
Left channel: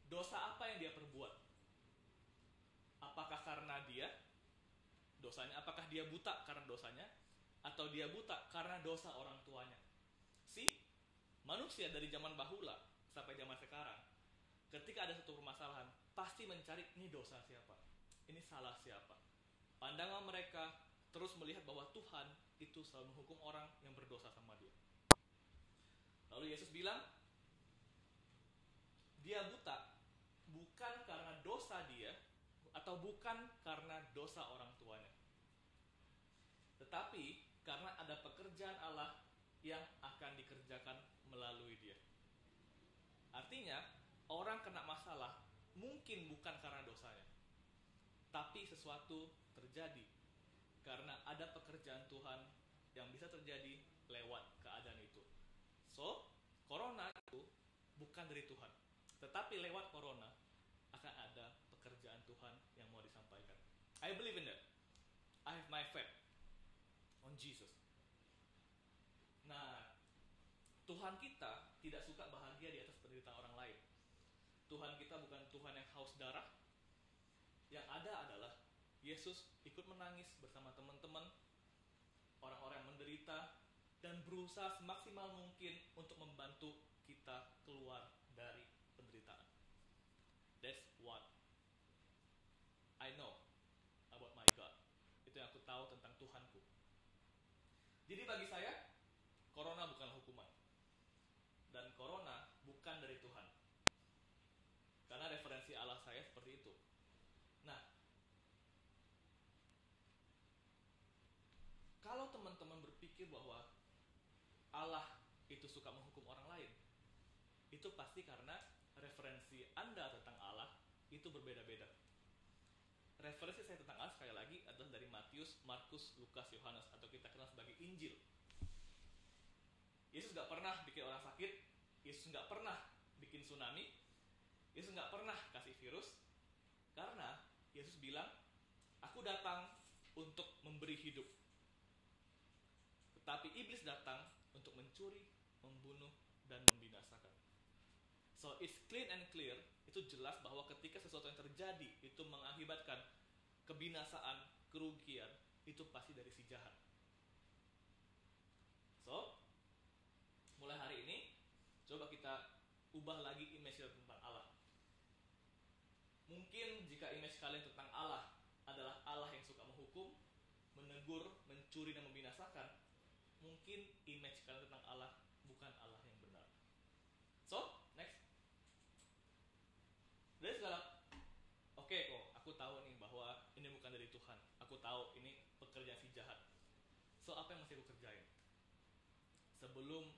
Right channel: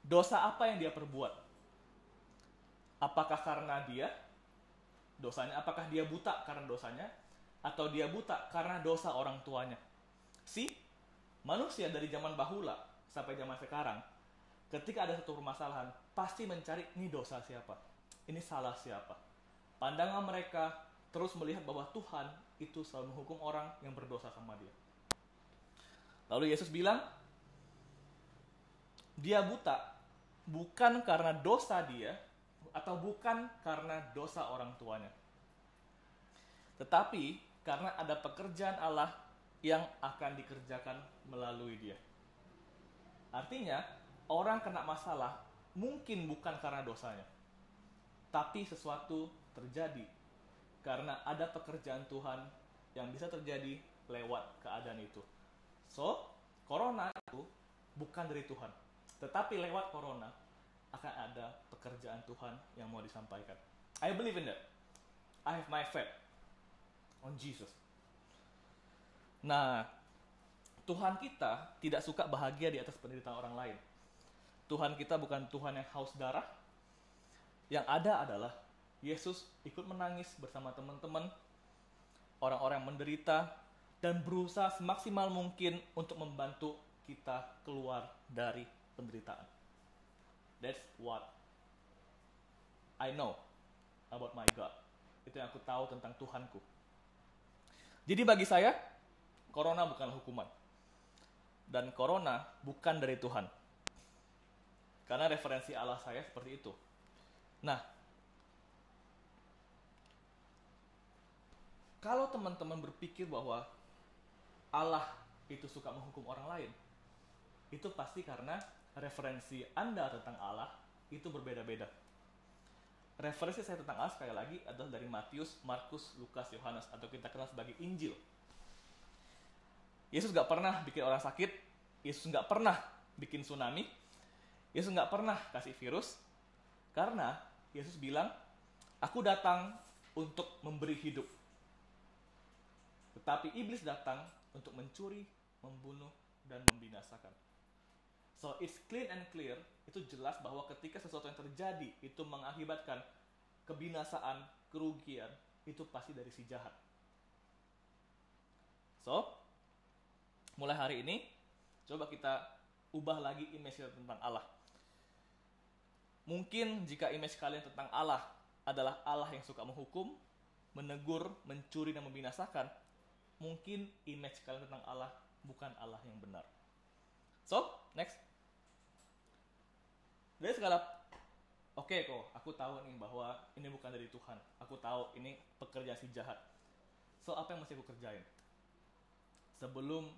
dosa apa yang dia perbuat? Apakah karena dia dosanya? Apakah dia buta karena dosanya? Atau dia buta karena dosa orang tuanya? Manusia dari zaman bahula sampai zaman sekarang, ketika ada satu permasalahan, pasti mencari ini dosa siapa? Ini salah siapa? Pandangan mereka terus melihat bahwa Tuhan itu selalu menghukum orang yang berdosa sama dia. Lalu Yesus bilang, dia buta bukan karena dosa dia, atau bukan karena dosa orang tuanya, tetapi karena ada pekerjaan Allah yang akan dikerjakan melalui dia. Artinya, orang kena masalah mungkin bukan karena dosanya, tapi sesuatu terjadi karena ada pekerjaan Tuhan yang bisa terjadi lewat keadaan itu. So, corona itu bukan dari Tuhan, tetapi lewat corona akan ada pekerjaan Tuhan yang mau disampaikan. I believe in that. I have my faith on Jesus. Nah, Tuhan kita tidak suka bahagia di atas penderitaan orang lain. Tuhan kita bukan Tuhan yang haus darah. Yang ada adalah Yesus ikut menangis bersama teman-teman, orang-orang yang menderita, dan berusaha semaksimal mungkin untuk membantu kita keluar dari penderitaan. That's what I know about my God. Itu yang aku tahu tentang Tuhanku. Jadi bagi saya, corona bukanlah hukuman. Dan corona bukan dari Tuhan. Karena referensi Allah saya seperti itu. Nah, kalau teman-teman berpikir bahwa Allah itu suka menghukum orang lain, itu pasti karena referensi Anda tentang Allah itu berbeda-beda. Referensi saya tentang Allah sekali lagi adalah dari Matius, Markus, Lukas, Yohanes, atau kita kenal sebagai Injil. Yesus gak pernah bikin orang sakit, Yesus gak pernah bikin tsunami, Yesus gak pernah kasih virus, karena Yesus bilang, aku datang untuk memberi hidup. Tetapi iblis datang untuk mencuri, membunuh, dan membinasakan. So it's clean and clear, itu jelas bahwa ketika sesuatu yang terjadi itu mengakibatkan kebinasaan, kerugian, itu pasti dari si jahat. So, mulai hari ini, coba kita ubah lagi image kita tentang Allah. Mungkin jika image kalian tentang Allah adalah Allah yang suka menghukum, menegur, mencuri, dan membinasakan, mungkin image kalian tentang Allah bukan Allah yang benar. So, next. Dari segala, oke kok, aku tahu nih bahwa ini bukan dari Tuhan. Aku tahu ini pekerjaan si jahat. So, apa yang mesti aku kerjain? Sebelum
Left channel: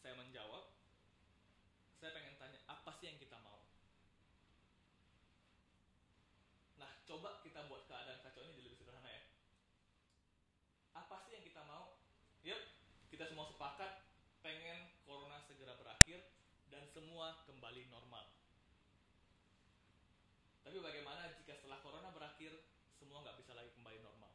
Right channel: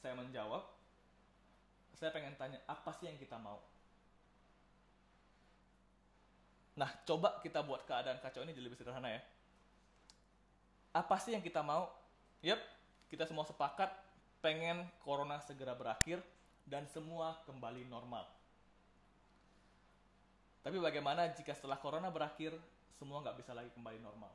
saya menjawab, saya pengen tanya, apa sih yang kita mau? Nah, coba kita buat keadaan kacau ini jadi lebih sederhana ya. Apa sih yang kita mau? Yap, kita semua sepakat pengen corona segera berakhir dan semua kembali normal. Tapi bagaimana jika setelah corona berakhir, semua nggak bisa lagi kembali normal?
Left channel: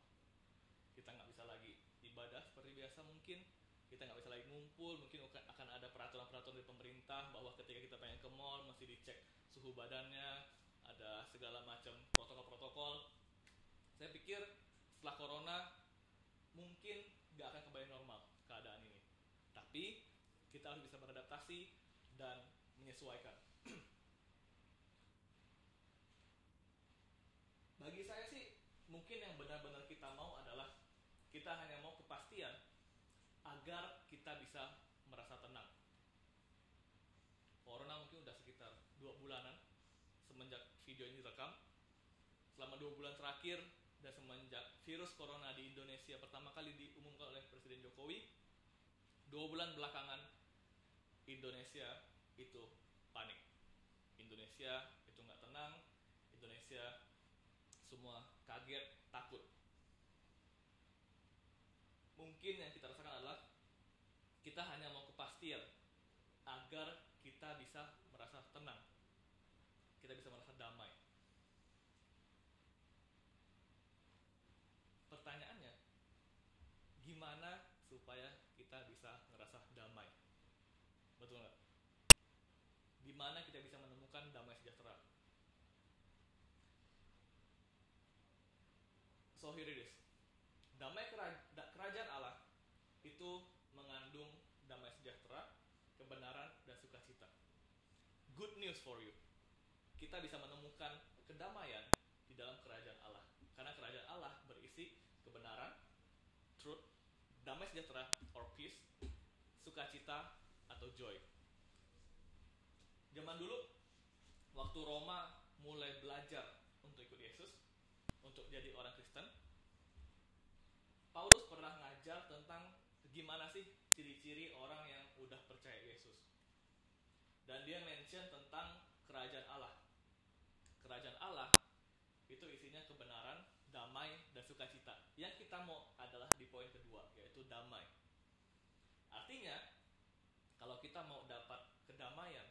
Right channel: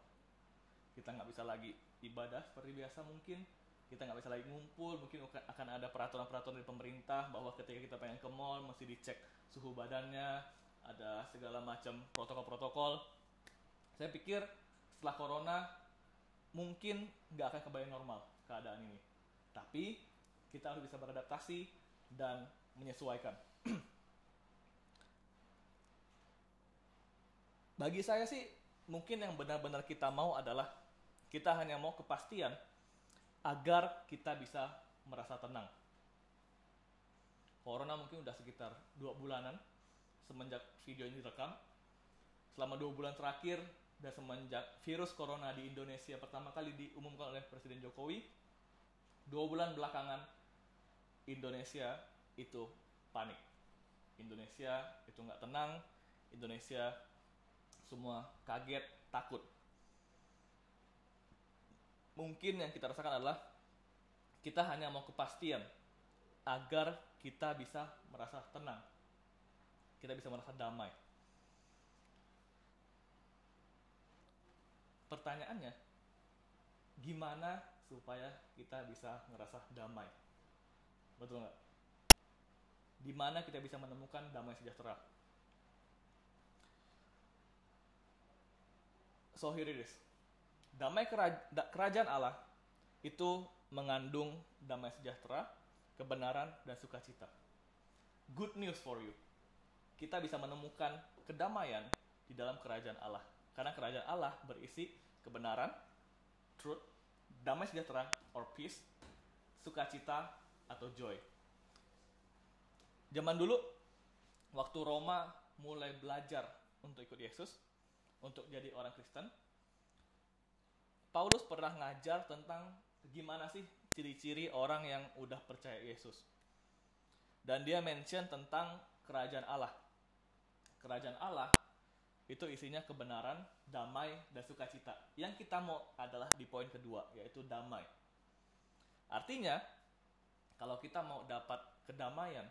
Kita nggak bisa lagi ibadah seperti biasa mungkin, kita nggak bisa lagi ngumpul, mungkin akan ada peraturan-peraturan dari pemerintah bahwa ketika kita pengen ke mall, mesti dicek suhu badannya, ada segala macam protokol-protokol. Saya pikir setelah corona mungkin nggak akan kembali normal keadaan ini, tapi kita harus bisa beradaptasi dan menyesuaikan. Bagi saya sih mungkin yang benar-benar kita mau adalah kita hanya mau kepastian agar kita bisa merasa tenang. Corona mungkin udah sekitar 2 bulanan semenjak video ini direkam. Selama 2 bulan terakhir dan semenjak virus corona di Indonesia pertama kali diumumkan oleh Presiden Jokowi, 2 bulan belakangan Indonesia itu panik. Indonesia itu nggak tenang. Indonesia semua kaget, takut. Mungkin yang kita rasakan adalah kita hanya mau kepastian agar kita bisa merasa tenang, kita bisa merasa damai. Pertanyaannya, gimana supaya kita bisa ngerasa damai? Betul nggak? Di mana kita bisa menemukan damai sejahtera? So here it is. Damai kerajaan Allah itu mengandung damai sejahtera, kebenaran, dan sukacita. Good news for you. Kita bisa menemukan kedamaian di dalam kerajaan Allah. Karena kerajaan Allah berisi kebenaran, truth, damai sejahtera or peace, sukacita atau joy. Zaman dulu, waktu Roma mulai belajar untuk ikut Yesus, untuk jadi orang Kristen, Paulus pernah ngajar tentang gimana sih ciri-ciri orang yang udah percaya Yesus. Dan dia mention tentang kerajaan Allah. Kerajaan Allah itu isinya kebenaran, damai, dan sukacita. Yang kita mau adalah di poin kedua, yaitu damai. Artinya, kalau kita mau dapat kedamaian,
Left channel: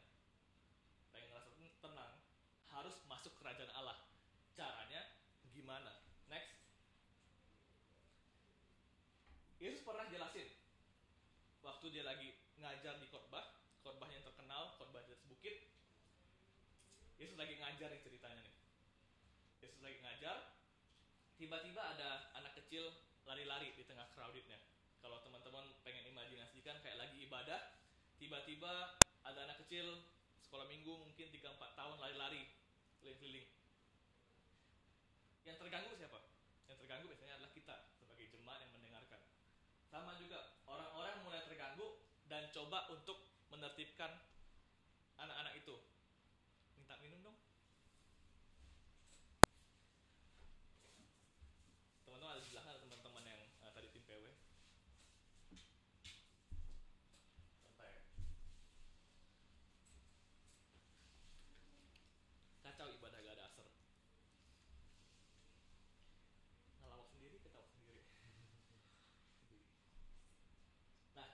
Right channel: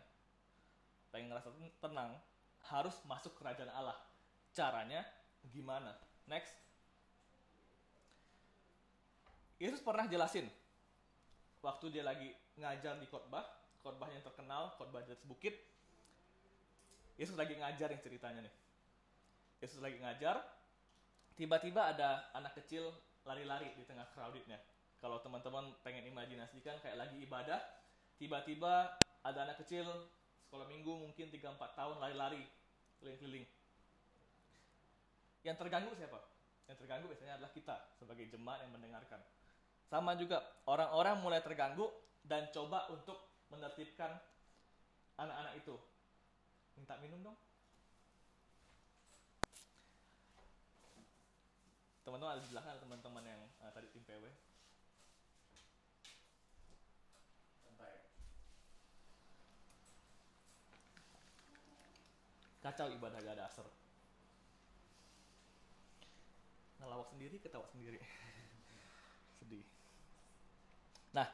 pengen ngerasa tenang, harus masuk kerajaan Allah. Caranya gimana? Next. Yesus pernah jelasin waktu dia lagi ngajar di khotbah yang terkenal, khotbah di atas bukit. Yesus lagi ngajar yang ceritanya nih. Yesus lagi ngajar, tiba-tiba ada anak kecil lari-lari di tengah crowdednya. Kalau teman-teman pengen imajinasikan kayak lagi ibadah, tiba-tiba ada anak kecil sekolah minggu mungkin 3-4 tahun lari-lari keliling-keliling. Yang terganggu siapa? Yang terganggu biasanya adalah kita sebagai jemaat yang mendengarkan. Sama juga, orang-orang mulai terganggu dan coba untuk menertibkan anak-anak itu. Minta minum dong. Teman-teman ada di belakang, ada teman-teman yang tadi tim PW. Kacau ibadah gak ada asar. Ngelawak sendiri, ketawa sendiri. Sedih. Nah,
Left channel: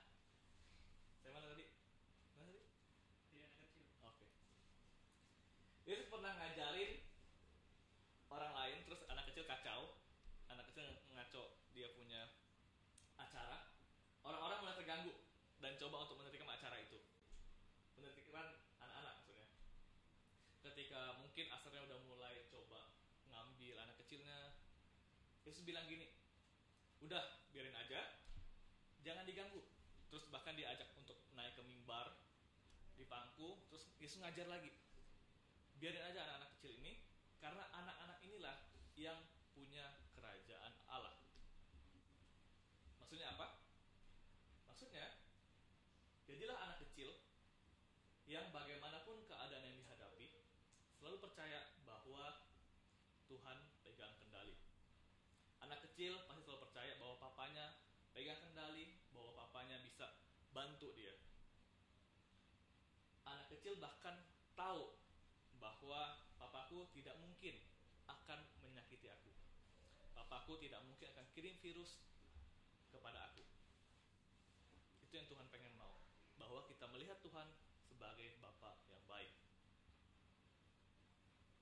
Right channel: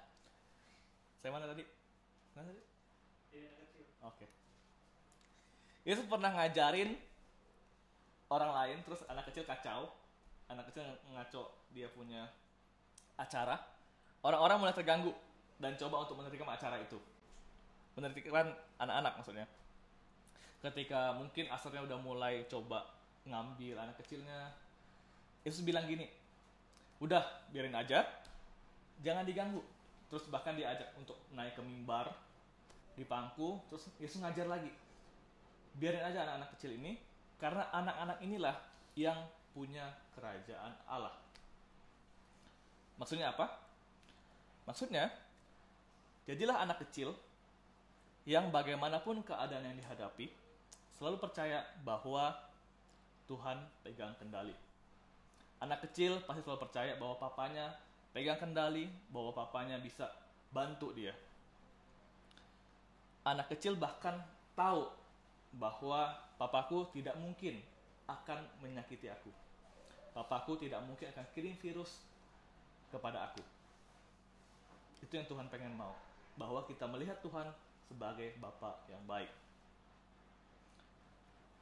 saya mana tadi? Mana tadi? Oke. Yesus pernah ngajarin orang lain, terus anak kecil kacau. Anak kecil ngaco dia punya acara. Orang-orang mulai terganggu dan coba untuk menertibkan acara itu. Menertibkan anak-anak maksudnya. Ketika mungkin asarnya udah mulai coba ngambil anak kecilnya, Yesus bilang gini, udah biarin aja, jangan diganggu. Terus bahkan diajak untuk naik ke mimbar, di pangku, terus Yesus ngajar lagi. Biarin aja anak-anak kecil ini, karena anak-anak inilah yang punya kerajaan Allah. Maksudnya apa? Maksudnya, jadilah anak kecil yang bagaimanapun keadaan yang dihadapi, selalu percaya bahwa Tuhan pegang kendali. Anak kecil pasti selalu percaya bahwa papanya pegang kendali, bahwa papanya bisa bantu dia. Anak kecil bahkan tahu bahwa papaku tidak mungkin akan menyakiti aku. Papaku tidak mungkin akan kirim virus kepada aku. Itu yang Tuhan pengen mau, bahwa kita melihat Tuhan sebagai Bapa yang baik.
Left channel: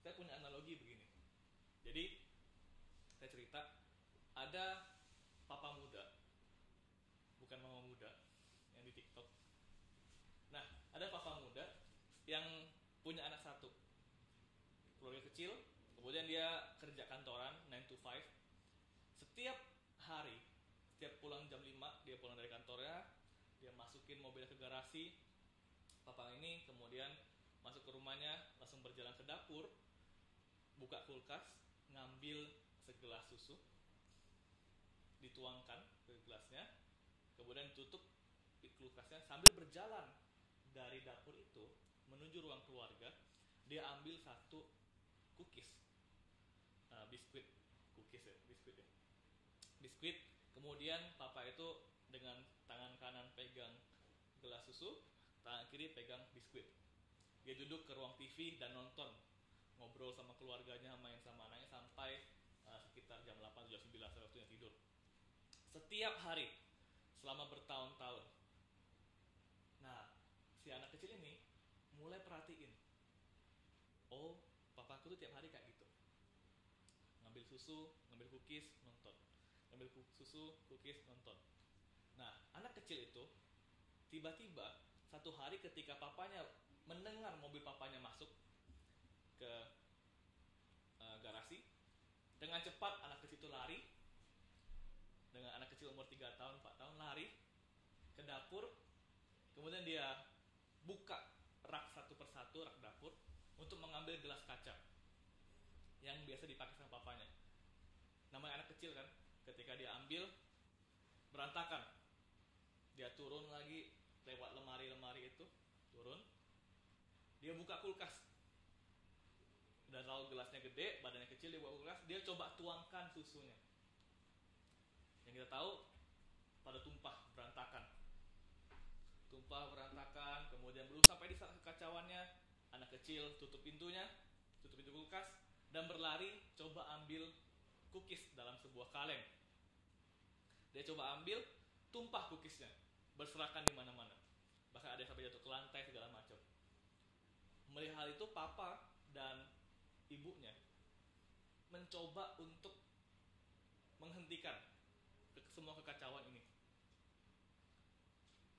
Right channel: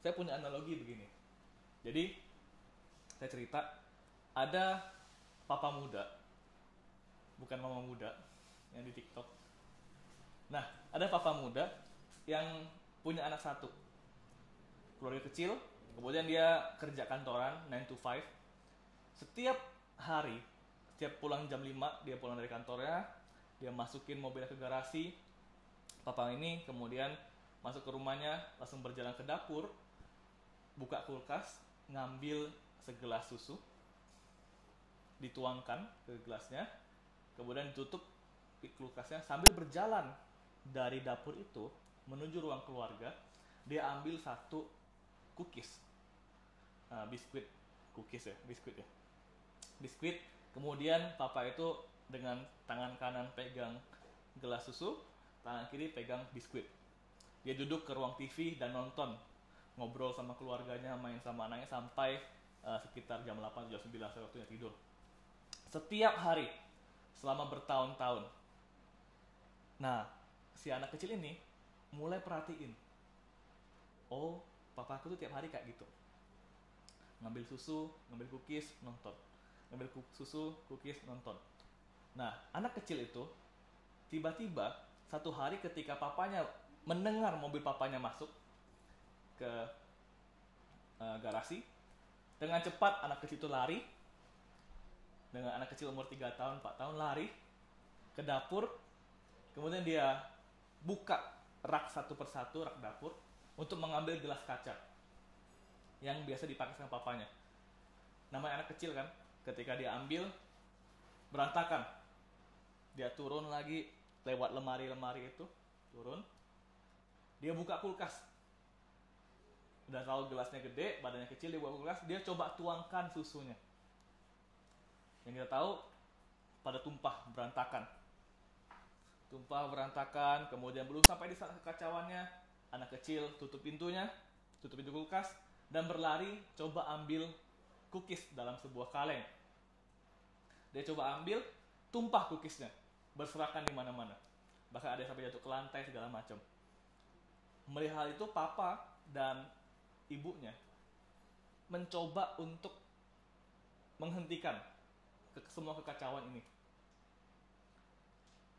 Saya punya analogi begini. Jadi, saya cerita, ada papa muda, bukan mama muda, yang di TikTok. Nah, ada papa muda yang punya anak satu. Keluarga kecil, kemudian dia kerja kantoran, 9 to 5. Setiap hari, setiap pulang jam 5, dia pulang dari kantornya, dia masukin mobilnya ke garasi. Papa ini kemudian masuk ke rumahnya, langsung berjalan ke dapur, buka kulkas, ngambil segelas susu, dituangkan ke gelasnya, kemudian tutup kulkasnya, sambil berjalan dari dapur itu menuju ruang keluarga. Dia ambil satu cookies, biskuit biskuit. Kemudian papa itu dengan tangan kanan pegang gelas susu, tangan kiri pegang biskuit. Dia duduk ke ruang TV dan nonton, ngobrol sama keluarganya, main sama anaknya sampai sekitar jam 8 jam 9 waktunya tidur. Setiap hari selama bertahun-tahun. Nah, si anak kecil ini mulai perhatiin, oh, papaku tuh tiap hari kayak gitu, ngambil susu, ngambil cookies, nonton, ngambil susu, cookies, nonton. Nah, anak kecil itu tiba-tiba satu hari ketika papanya mendengar mobil papanya masuk ke garasi, dengan cepat anak kecil itu lari. Dengan anak kecil umur 3 tahun, 4 tahun, lari ke dapur. Kemudian dia buka rak satu persatu, rak dapur, untuk mengambil gelas kaca yang biasa dipakai sama papanya. Namanya anak kecil kan, ketika dia ambil, berantakan. Dia turun lagi, lewat lemari-lemari itu, turun. Dia buka kulkas. Udah tahu gelasnya gede, badannya kecil, dia buka kulkas, dia coba tuangkan susunya. Yang kita tahu, pada tumpah, berantakan, kemudian belum sampai di saat kekacauannya, anak kecil tutup pintunya, tutup pintu kulkas, dan berlari coba ambil cookies dalam sebuah kaleng. Dia coba ambil, tumpah cookiesnya, berserakan di mana-mana. Bahkan ada sampai jatuh ke lantai, segala macam. Melihat hal itu, papa dan ibunya mencoba untuk menghentikan semua kekacauan ini.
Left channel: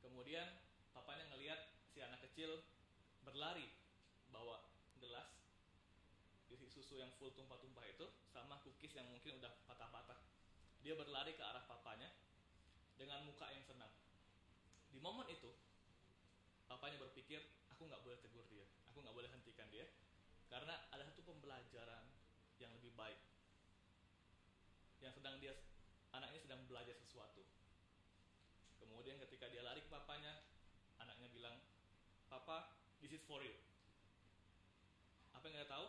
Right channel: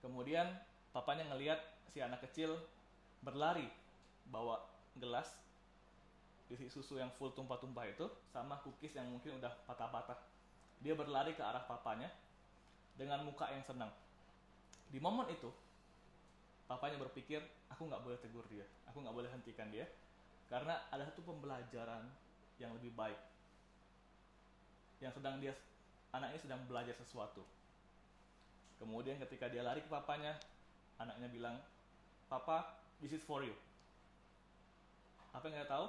Kemudian papanya ngelihat si anak kecil berlari bawa gelas isi susu yang full tumpah-tumpah itu sama cookies yang mungkin udah patah-patah. Dia berlari ke arah papanya dengan muka yang senang. Di momen itu papanya berpikir, aku nggak boleh tegur dia, aku nggak boleh hentikan dia, karena ada satu pembelajaran yang lebih baik yang anaknya sedang belajar sesuatu. Kemudian ketika dia lari ke papanya, anaknya bilang, "Papa, this is for you." Apa yang kita tahu?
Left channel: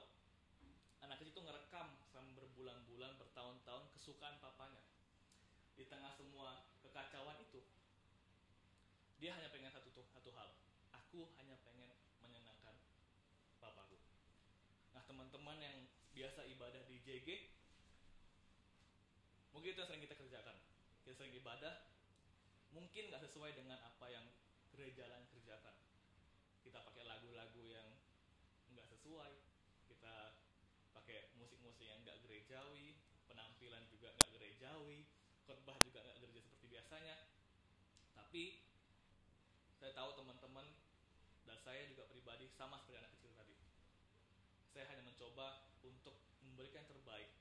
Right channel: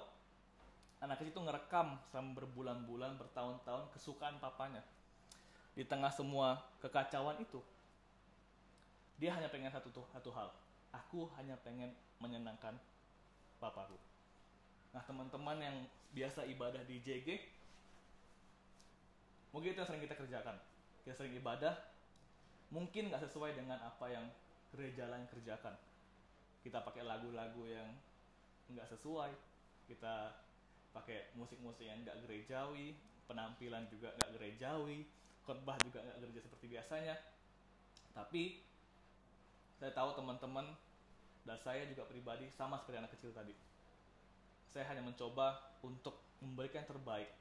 Anak kecil itu ngerekam selama berbulan-bulan, bertahun-tahun kesukaan papanya. Di tengah semua kekacauan itu, dia hanya pengen satu hal. Aku hanya pengen menyenangkan papaku. Nah, teman-teman yang biasa ibadah di JG, mungkin itu yang sering kita kerjakan. Kita sering ibadah, mungkin gak sesuai dengan apa yang gereja lain kerjakan. Kita pakai lagu-lagu yang gak sesuai, kita pakai musik-musik yang gak gerejawi, penampilan juga gak gerejawi, khotbah juga gak gereja seperti biasanya. Tapi saya tahu teman-teman dan saya juga pribadi sama seperti anak kecil tadi. Saya hanya mencoba untuk memberikan yang terbaik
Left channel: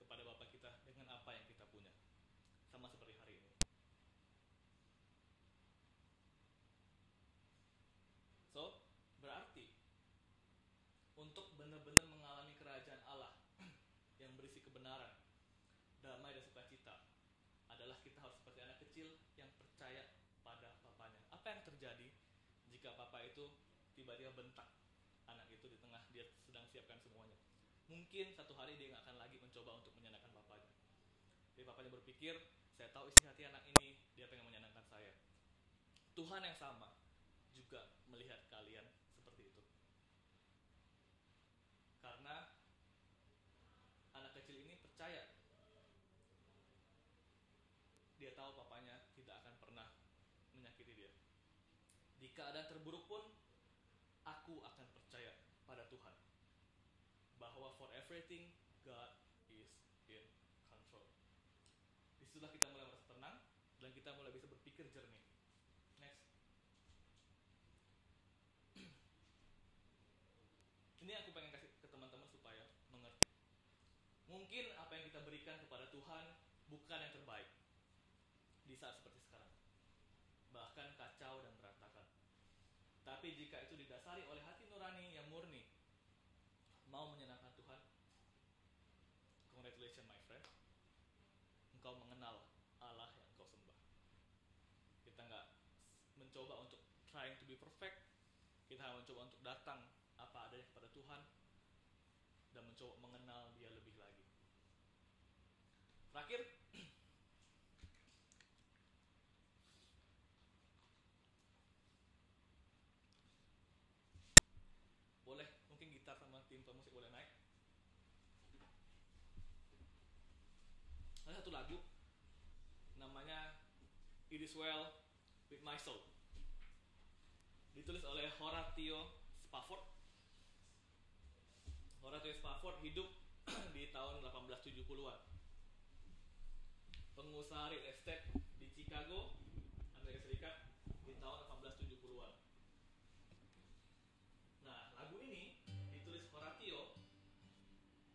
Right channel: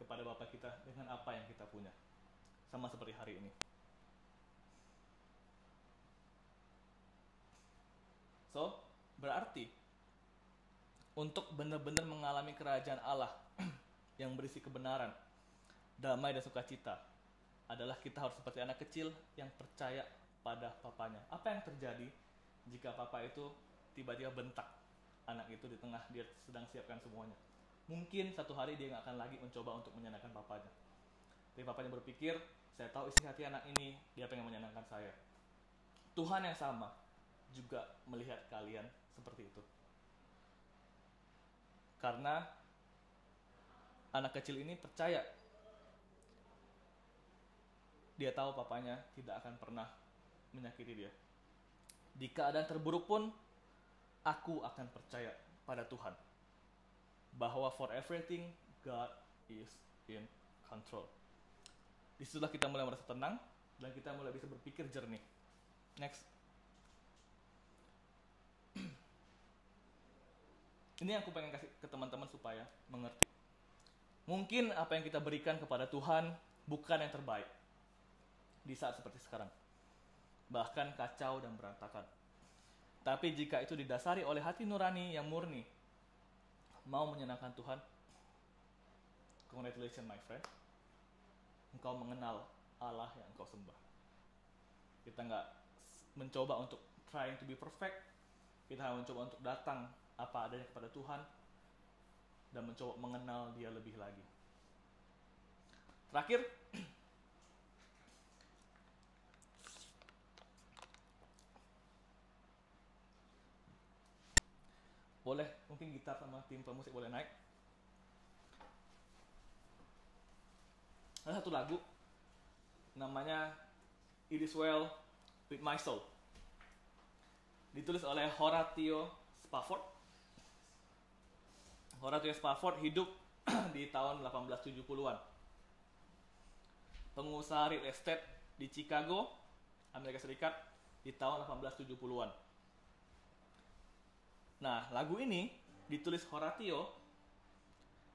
kepada Bapa kita dengan apa yang kita punya. Sama seperti hari ini. So, berarti untuk benar-benar mengalami kerajaan Allah yang berisi kebenaran, damai dan sukacita adalah kita harus seperti anak kecil yang percaya pada papanya. Apa yang terjadi jika papa itu tiba-tiba bentak anak itu di tengah dia sedang siapkan semuanya. Mungkin satu hari dia nggak akan lagi mencoba untuk menyenangkan papanya. Tapi papanya berpikir, saya tahu isi hati anak ini, dia pengen menyenangkan saya. Tuhan yang sama juga melihat kalian seperti itu. Karena anak kecil ini percaya, dia tahu papanya tidak akan pernah menyakiti dia. Di keadaan terburuk pun, aku akan percaya pada Tuhan. Bahwa for everything, God is in control. Disitulah kita mulai merasa tenang, dan kita mulai bisa berpikir jernih. Next. Ini yang aku pengen kasih ke teman-teman supaya mengerti. Mungkin apa yang kita berikan kepada Tuhan bukan yang terbaik di saat seperti sekarang. Bahkan kacau dan berantakan. Tapi jika itu didasari oleh hati nurani yang murni, mau menyenangkan Tuhan, congratulations my friend. Engkau mengenal Allah yang engkau sembah. Kita nggak mencoba untuk trying to be perfect. Kita mencoba untuk datang apa adanya kepada Tuhan dan mencoba mengenal Dia lebih lagi. Terakhir, boleh mungkin gitar sama tim pemusik boleh naik. Ada satu lagu namanya It Is Well With My Soul, ditulis oleh Horatio Spafford. Horatio Spafford hidup di tahun 1870-an. Pengusaha real estate di Chicago, Amerika Serikat di tahun 1870-an. Nah, lagu ini ditulis Horatio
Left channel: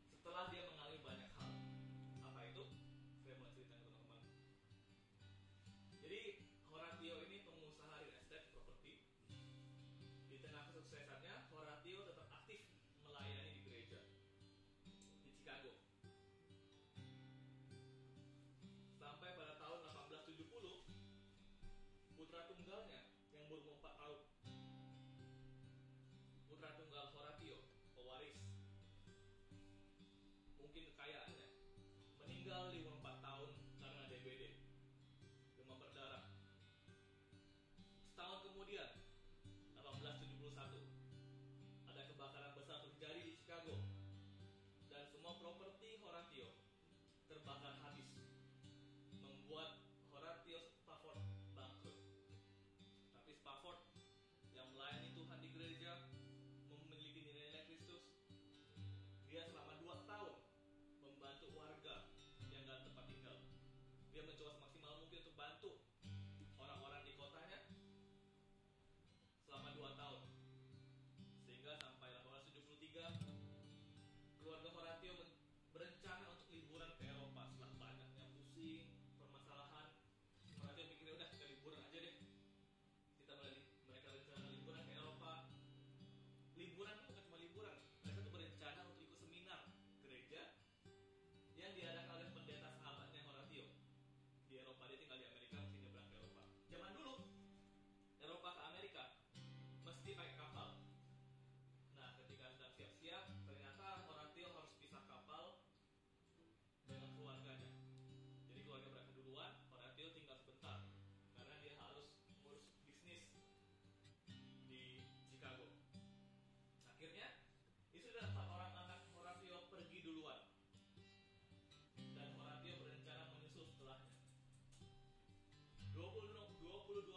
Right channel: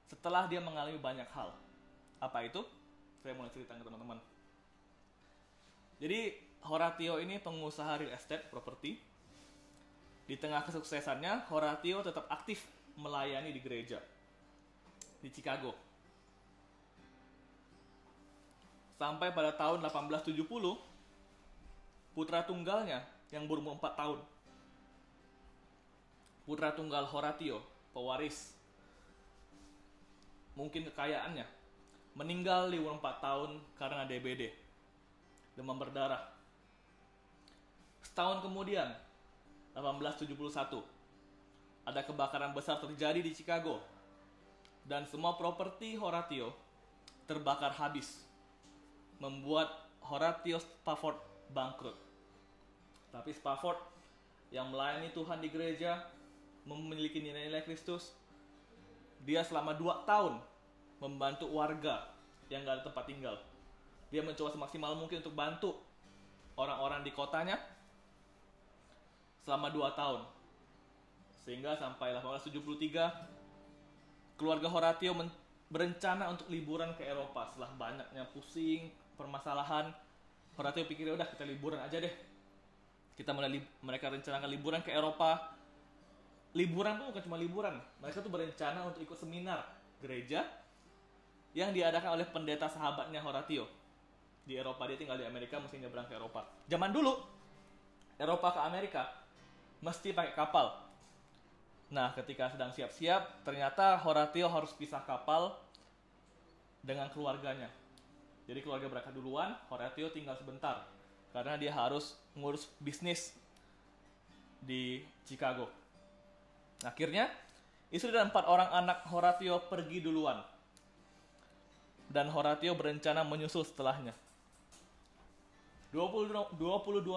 setelah dia mengalami banyak hal. Apa itu? Saya mulai cerita ke teman-teman. Jadi, Horatio ini pengusaha real estate properti. Di tengah kesuksesannya, Horatio tetap aktif melayani di gereja di Chicago. Sampai pada tahun 1870, putra tunggalnya yang berumur 4 tahun, putra tunggal Horatio, pewaris mungkin kekayaannya, meninggal di umur 4 tahun karena DBD, demam berdarah. Setahun kemudian, 1871, ada kebakaran besar terjadi di Chicago dan semua properti Horatio terbakar habis, membuat Horatio Spafford bangkrut. Tapi Spafford yang melayani Tuhan di gereja, memiliki nilai-nilai Kristus, dia selama 2 tahun membantu warga yang gak ada tempat tinggal. Dia mencoba semaksimal mungkin untuk bantu orang-orang di kotanya selama 2 tahun. Sehingga sampai 1873, keluarga Horatio berencana untuk liburan ke Eropa. Setelah banyaknya pusing, permasalahan, Horatio pikir udah kita liburan aja deh. Mereka rencanakan liburan ke Eropa. Liburan pun bukan cuma liburan, mereka tuh berencana untuk ikut seminar gereja yang diadakan oleh pendeta sahabatnya Horatio di Eropa. Dia tinggal di Amerika, mesti nyebrang ke Eropa. Zaman dulu Eropa ke Amerika mesti pakai kapal. Nah, ketika sedang siap-siap, ternyata Horatio harus pisah kapal dengan keluarganya. Jadi keluarga berangkat duluan, Horatio tinggal sebentar karena dia harus ngurus bisnis di Chicago. Akhirnya, istri dan 4 orang anak Horatio pergi duluan. Dan Horatio berencana menyusul setelahnya. 22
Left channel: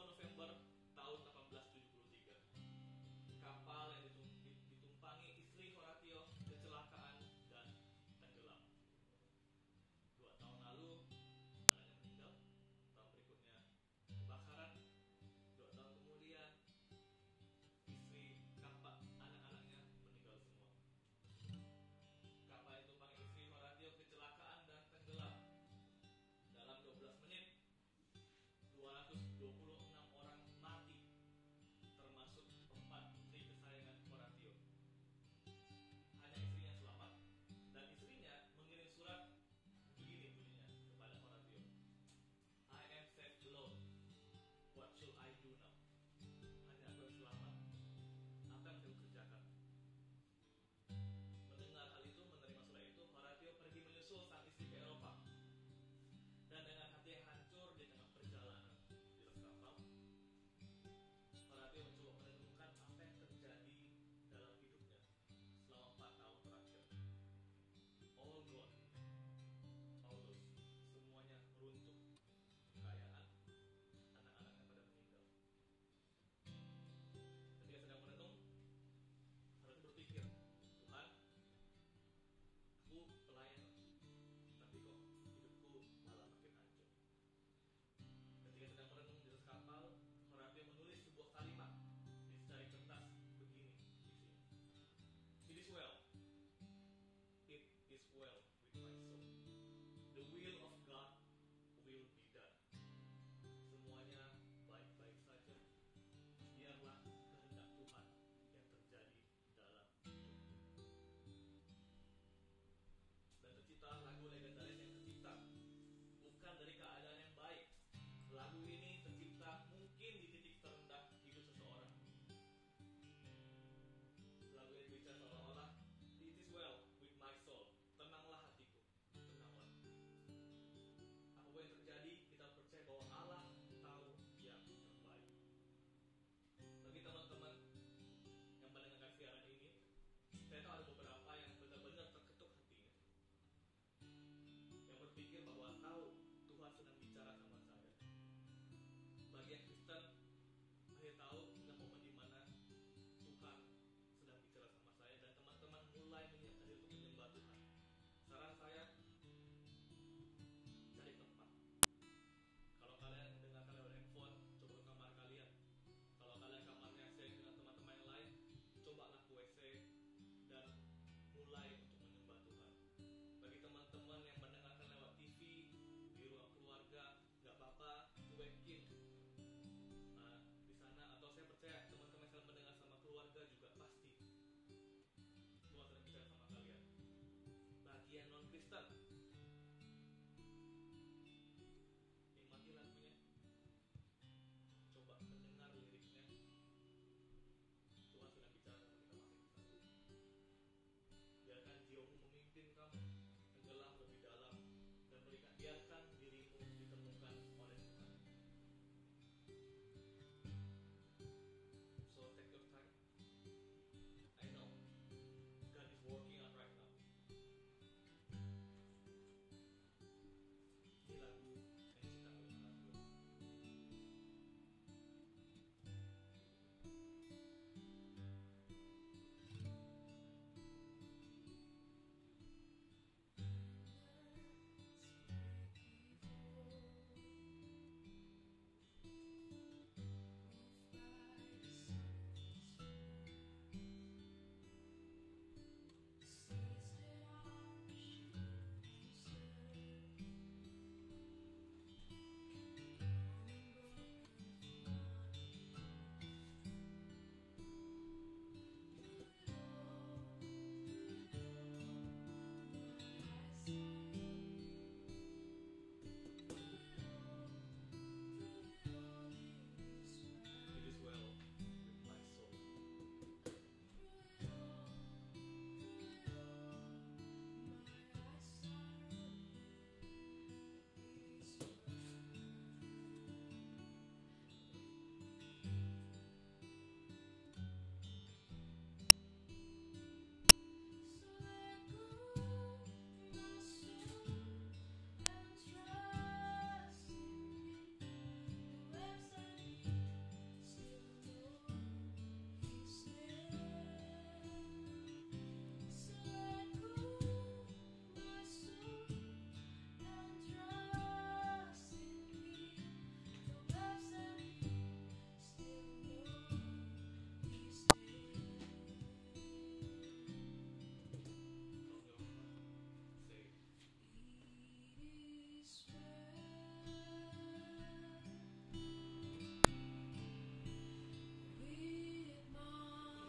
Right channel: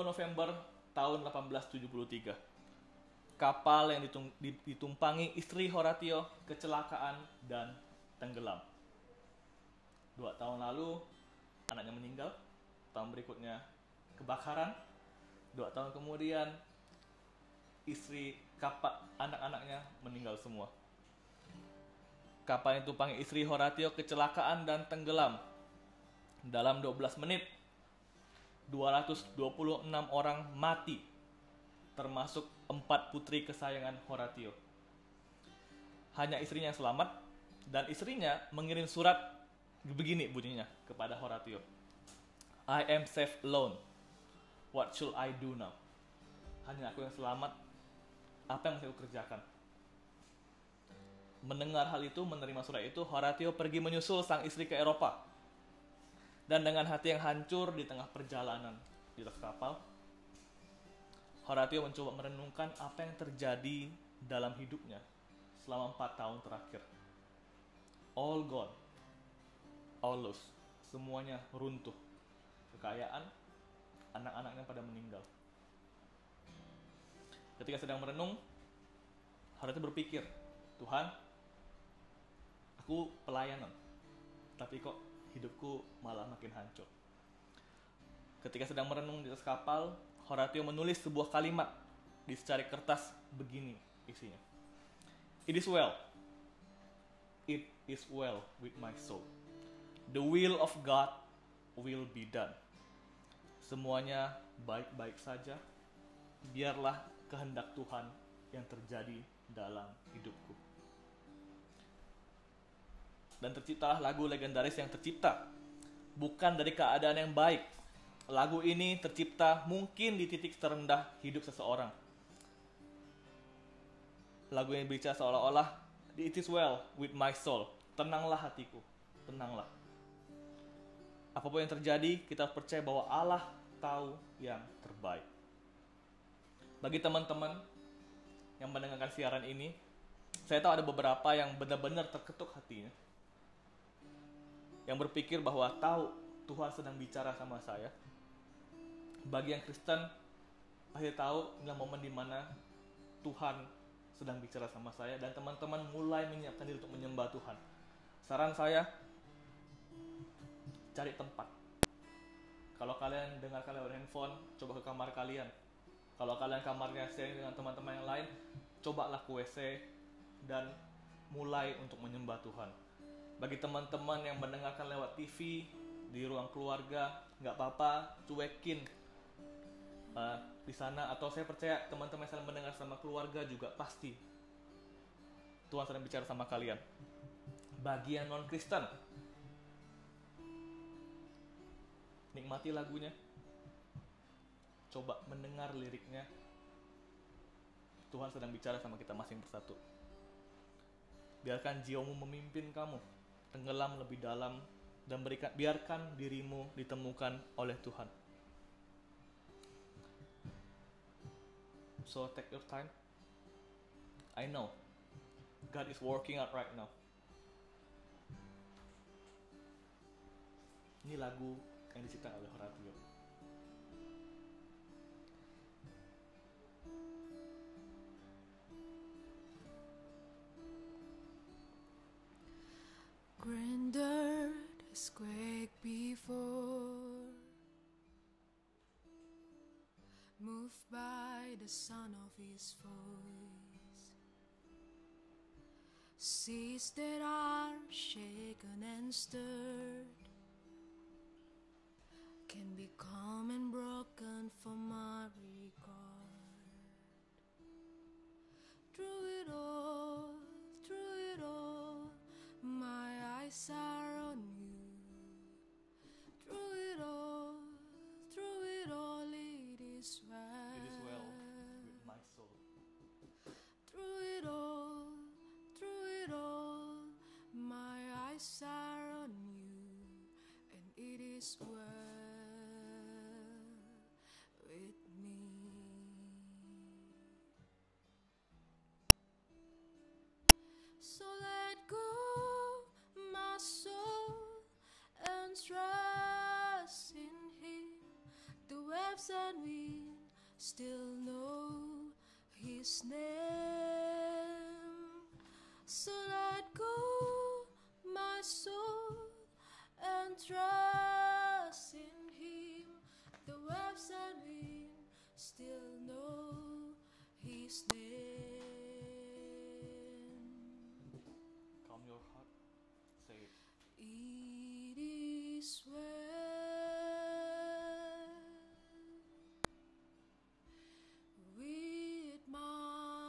November tahun 1873. Kapal yang ditumpangi istri Horatio kecelakaan dan tenggelam. 2 tahun lalu, anaknya meninggal. Tahun berikutnya, kebakaran. 2 tahun kemudian, istri anak-anaknya meninggal semua. Kapal yang ditumpangi istri Horatio kecelakaan dan tenggelam. Dalam 12 menit, 226 orang mati, termasuk 4 putri kesayangan Horatio. Hanya istrinya yang selamat, dan istrinya mengirim surat begini bunyinya kepada Horatio. I am safe alone. What should I do now? Hanya aku yang selamat. Apa yang mesti aku kerjakan? Mendengar hal itu, menerima surat itu, Horatio pergi menyusul sang istri ke Eropa. Dan dengan hati yang hancur di tengah perjalanan di atas kapal, Horatio mencoba merenungkan apa yang terjadi dalam hidupnya selama 4 tahun terakhir. All gone, all lost, semuanya runtuh. Kekayaan, anak-anaknya pada meninggal. Ketika sedang merenung, Horatio berpikir, Tuhan, aku pelayanan, tapi kok hidupku malah makin hancur. Ketika sedang merenung di atas kapal, Horatio menulis sebuah kalimat di secari kertas begini isinya. It is well. It is well with my soul. The will of God will be done. Semuanya baik-baik saja. Biarlah kehendak Tuhan yang terjadi dalam hidupku. Dan terciptalah lagu legendaris yang tercipta bukan dari keadaan yang baik. Lagu ini tercipta mungkin di titik terendah hidup seseorang. Lagu yang bicara seolah-olah, it is well with my soul. Tenanglah hatiku, tenanglah. Apapun yang terjadi, kita percaya bahwa Allah tahu yang terbaik. Bagi teman-teman yang mendengarkan siaran ini, saya tahu ada beberapa yang benar-benar terketuk hatinya, yang berpikir bahwa tahu Tuhan sedang bicara sama saya. Bagi yang Kristen, pasti tahu inilah momen di mana Tuhan sedang bicara sama saya dan teman-teman mulai menyiapkan diri untuk menyembah Tuhan. Saran saya, cari tempat. Kalau kalian dengarkan lewat handphone, coba ke kamar kalian. Kalau kalian kamarnya sharing dengan teman-teman yang lain, cobalah ke WC dan mulai untuk menyembah Tuhan. Bagi teman-teman yang mendengarkan lewat TV di ruang keluarga, nggak apa-apa, cuekin di sana. Atau saya percaya teman-teman yang sedang mendengar sama keluarga juga pasti Tuhan sedang bicara sama kalian. Bagi yang non-Kristen, nikmati lagunya, coba mendengar liriknya. Tuhan sedang bicara sama kita masing persatu. Biarkan jiwamu memimpin kamu tenggelam lebih dalam dan biarkan dirimu ditemukan oleh Tuhan. So take your time. I know God is working out right now. Ini lagu yang diciptakan oleh Horatio. Grandeur has quaked before, moved by the sound of his voice. Seas that are shaken and stirred can be calm and broken for my regard. Through it all, my eyes are on you. Through it all, it is well. It is well with my soul. Through it all, my eyes are on you, and it is well with me. So let go, my soul, and trust in Him. The waves and wind still know His name. So let go, my soul, and trust in Him. The waves and wind still know His name. Calm your heart. Say it. It is well with my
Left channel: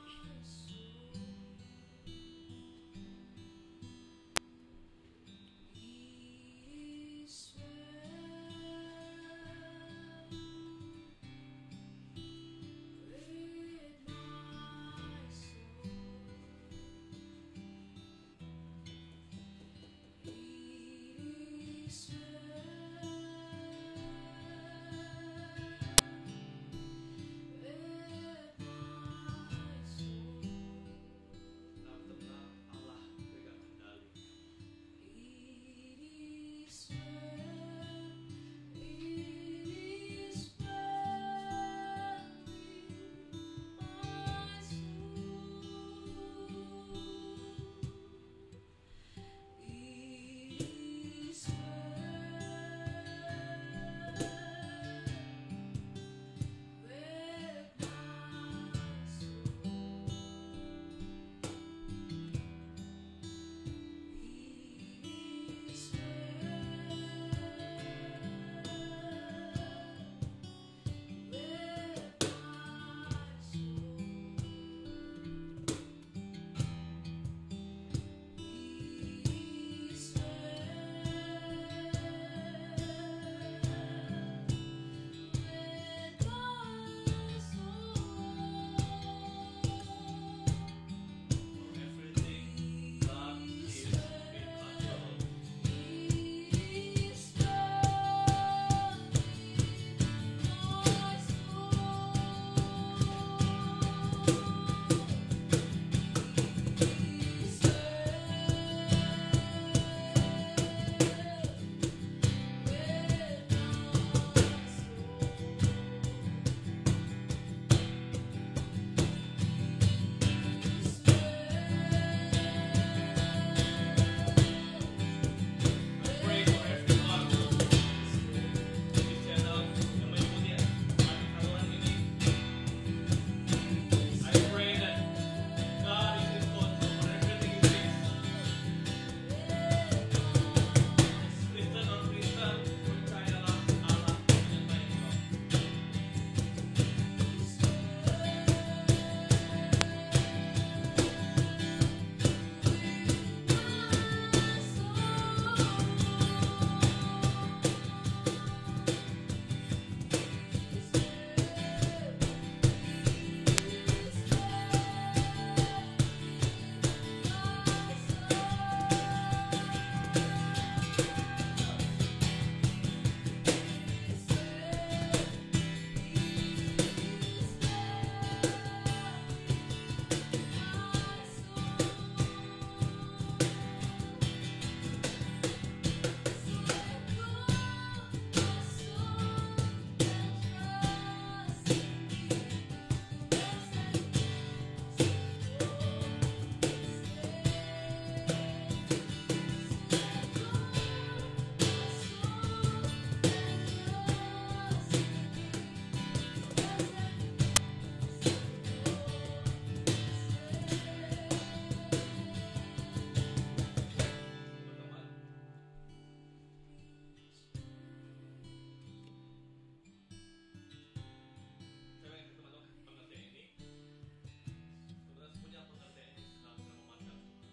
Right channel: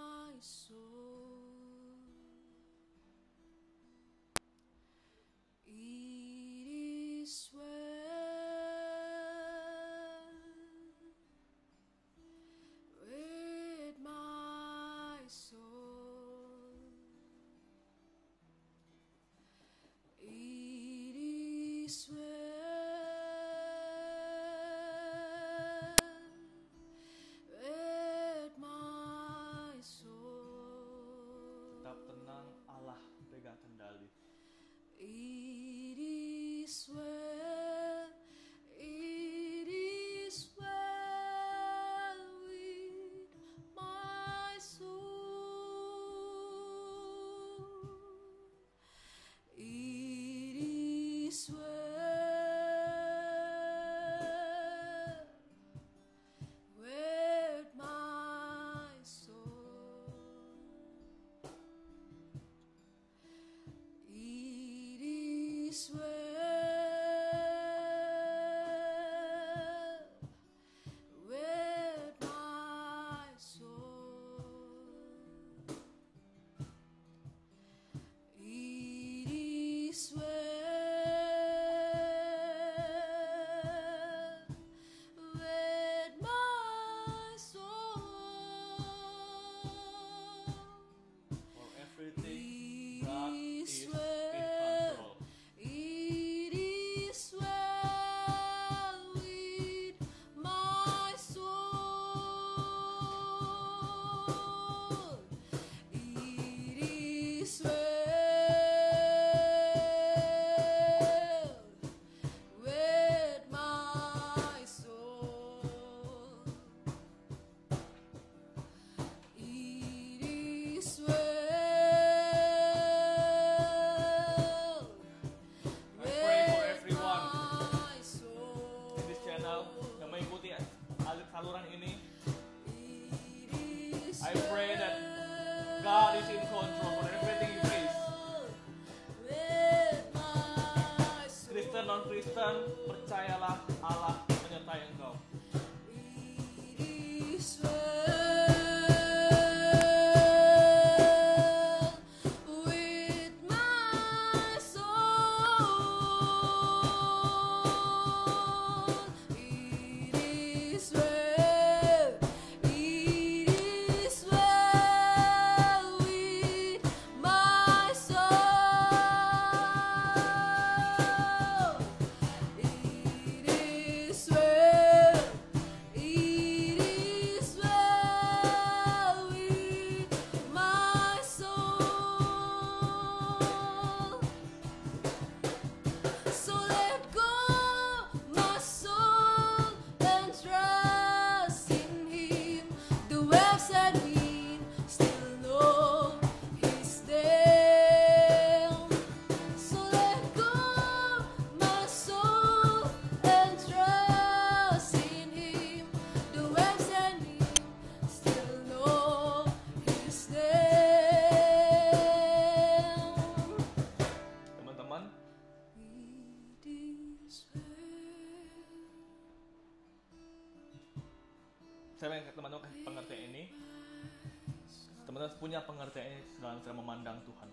punya pengertian ini dalam cara memandang Tuhan.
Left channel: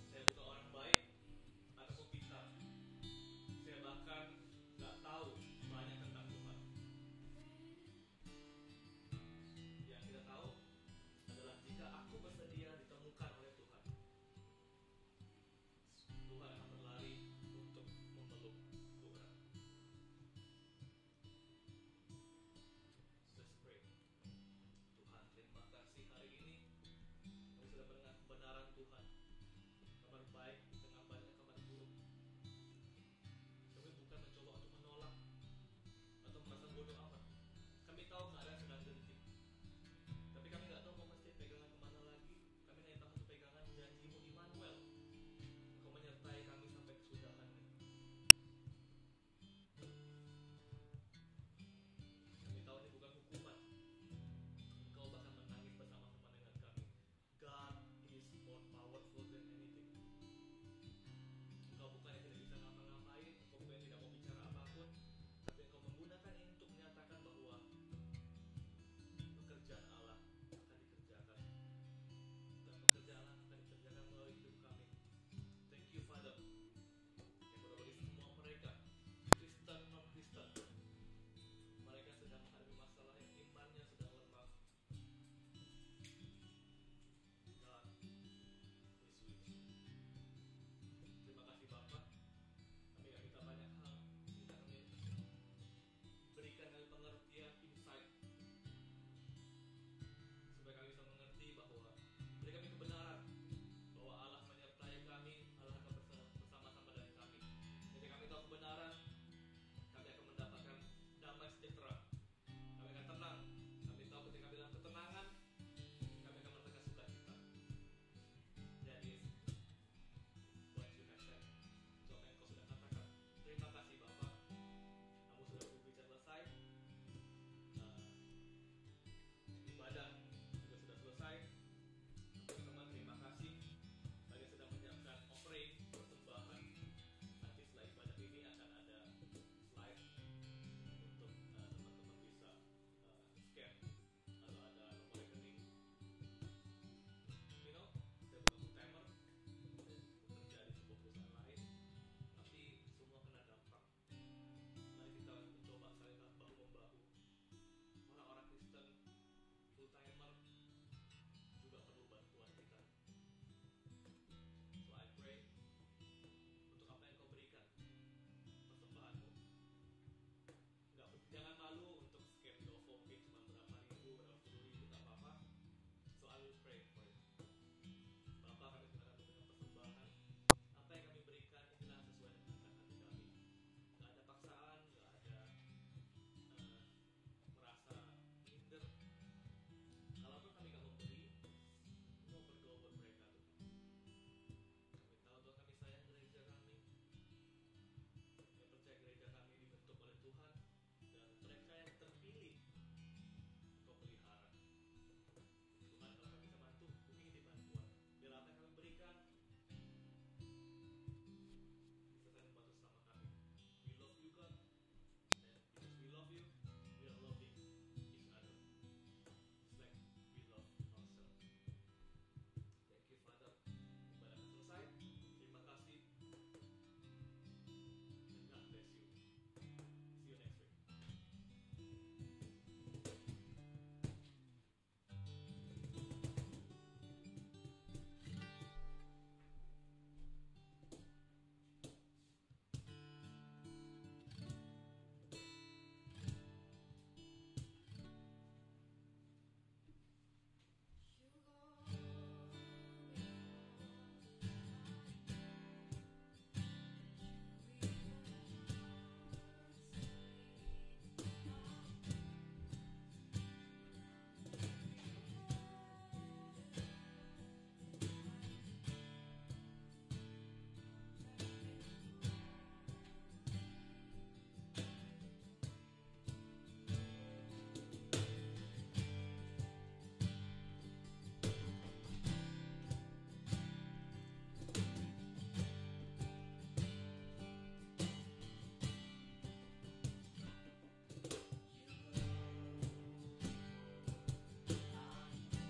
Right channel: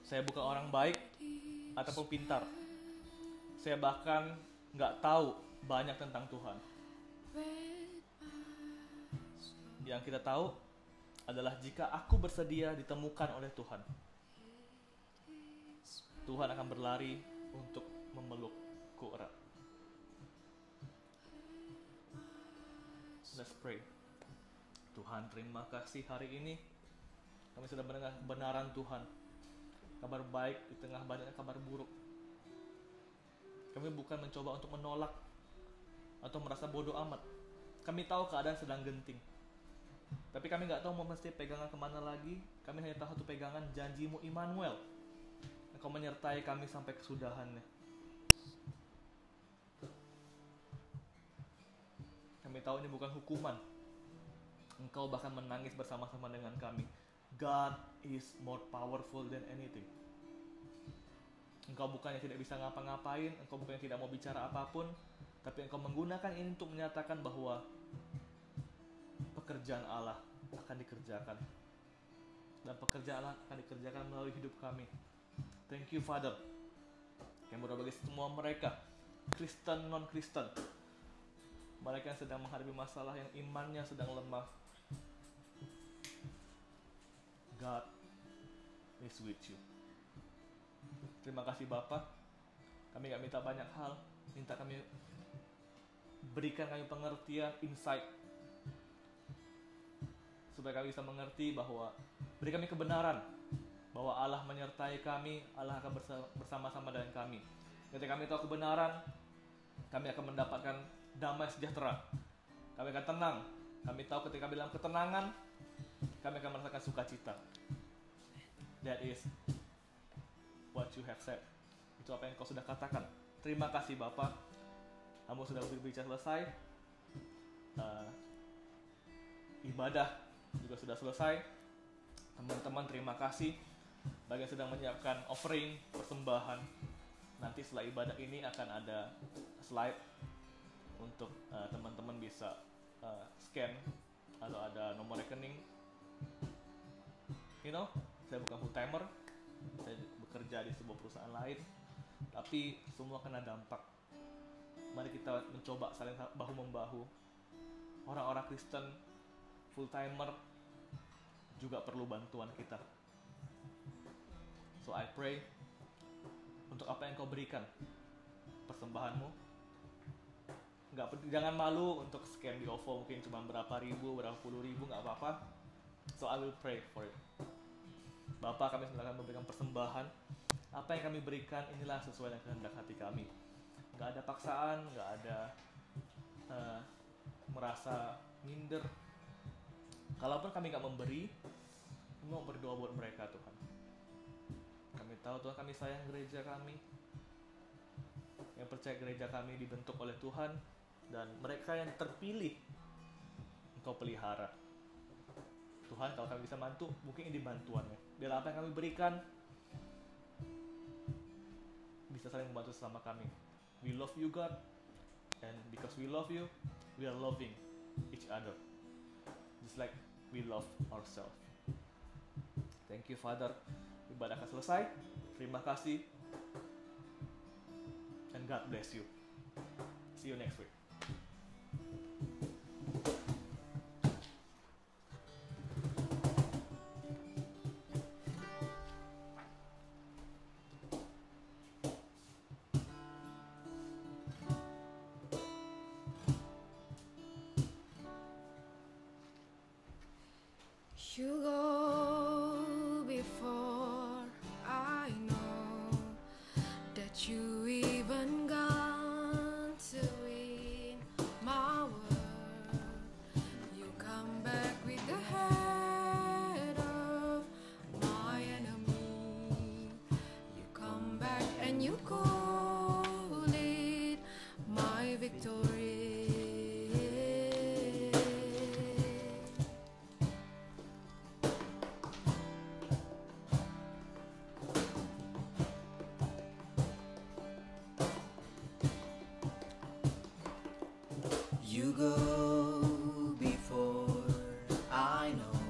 Saya bukan orang baik ataupun pintar. Saya bahkan nggak tahu banyak tentang Tuhan. Yang kita tahu adalah jika aku bersedia ditemukan oleh Tuhan, Tuhan akan berlari untuk memelukku erat. Let's pray. Tuhan, terima kasih hari ini kami sudah mendengar kebenaran Tuhan. Kabar baik di tengah banyaknya kabar buruk. Kami bukan mencoba untuk menolak atau merasa bodoh amat. Kami tahu keadaan sedang genting. Tapi kami nggak tahu mau mesti pegangan kemana lagi. Kami hanya tahu satu pegangan, janjimu Immanuel. Engkau menyertai kami sampai kesudahannya. Kami tahu ini bukan hukuman. Engkau bahkan menangis bersama-sama dengan kami. God is more powerful than anything. Engkau bukannya tidak bisa ngapa-ngapain, engkau bukannya tidak mau bicara apapun, tapi engkau menggunakan ini untuk menyatakan bahwa pekerjaan Allah akan dikerjakan. Dan pekerjaan Allah akan dikerjakan melalui hidup kami. Thank you, Father. Kami berdoa bagi semua mereka, Kristen, non-Kristen, mereka yang sedang menghadapi masalah, yang imannya sedang lemah. God is with you. Terima kasih Bapa. Kami gak minta banyak hal, minta kami berikan kami pengertian, insight, supaya kami bisa mengerti bahwa beri kami kebenaran bahwa Allah menyertai kami, Allah akan bersama-sama dengan kami. Ketika kami tahu kebenaran, kami akan mendapatkan damai sejahtera. Kami akan tenang. Kami tahu ketika kami dalam ketenangan, kami akan merasakan sukacita. That is what you have said. Itu apa yang kau sudah katakan. Terima kasih Bapak. Kamu sudah berbicara selesai. Ibadah juga sudah selesai. Teman-teman terima kasih bagi yang sedang menyiapkan offering, persembahan. Nanti setelah ibadah ini akan ada slide untuk teman-teman bisa scan atau ada nomor rekening. You know, saya bukan full timer, saya bekerja di sebuah perusahaan lain, tapi semua kena dampak. Mari kita mencoba saling bahu membahu. Orang-orang Kristen full timer juga perlu bantuan kita. So I pray untuk apa yang kau berikan, persembahanmu, jangan malu untuk scan di OVO, mungkin cuma berapa ribu, berapa puluh ribu, nggak apa-apa. So I will pray for it. Bapak, kami silakan memberikan persembahan. Apa yang kami berikan inilah sesuai dengan kehendak hati kami. Nggak ada paksaan, nggak ada merasa minder. Kalaupun kami nggak memberi, kami mau berdoa buat mereka Tuhan. Kami tahu Tuhan, kami sayang gereja kami, yang percaya gereja kami dibentuk oleh Tuhan, dan mereka yang terpilih Engkau pelihara. Tuhan, kalau kami bisa bantu, mungkin ini bantuannya. Biar apa yang kami berikan bisa saling membantu sesama kami. We love you God, and because we love you, we are loving each other, just like we love ourselves. Thank you Father. Ibadah akan selesai. Terima kasih, and God bless you. See you next week. You go before I know that you even gone to win my world. You come back with the head of my enemy. You come back and you call it my victory. You go before I know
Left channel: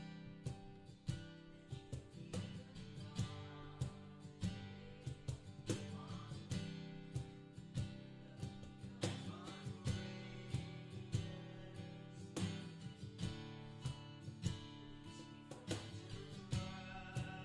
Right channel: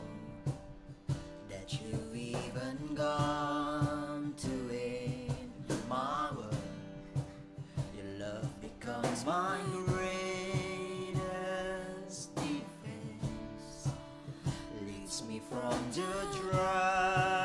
the dry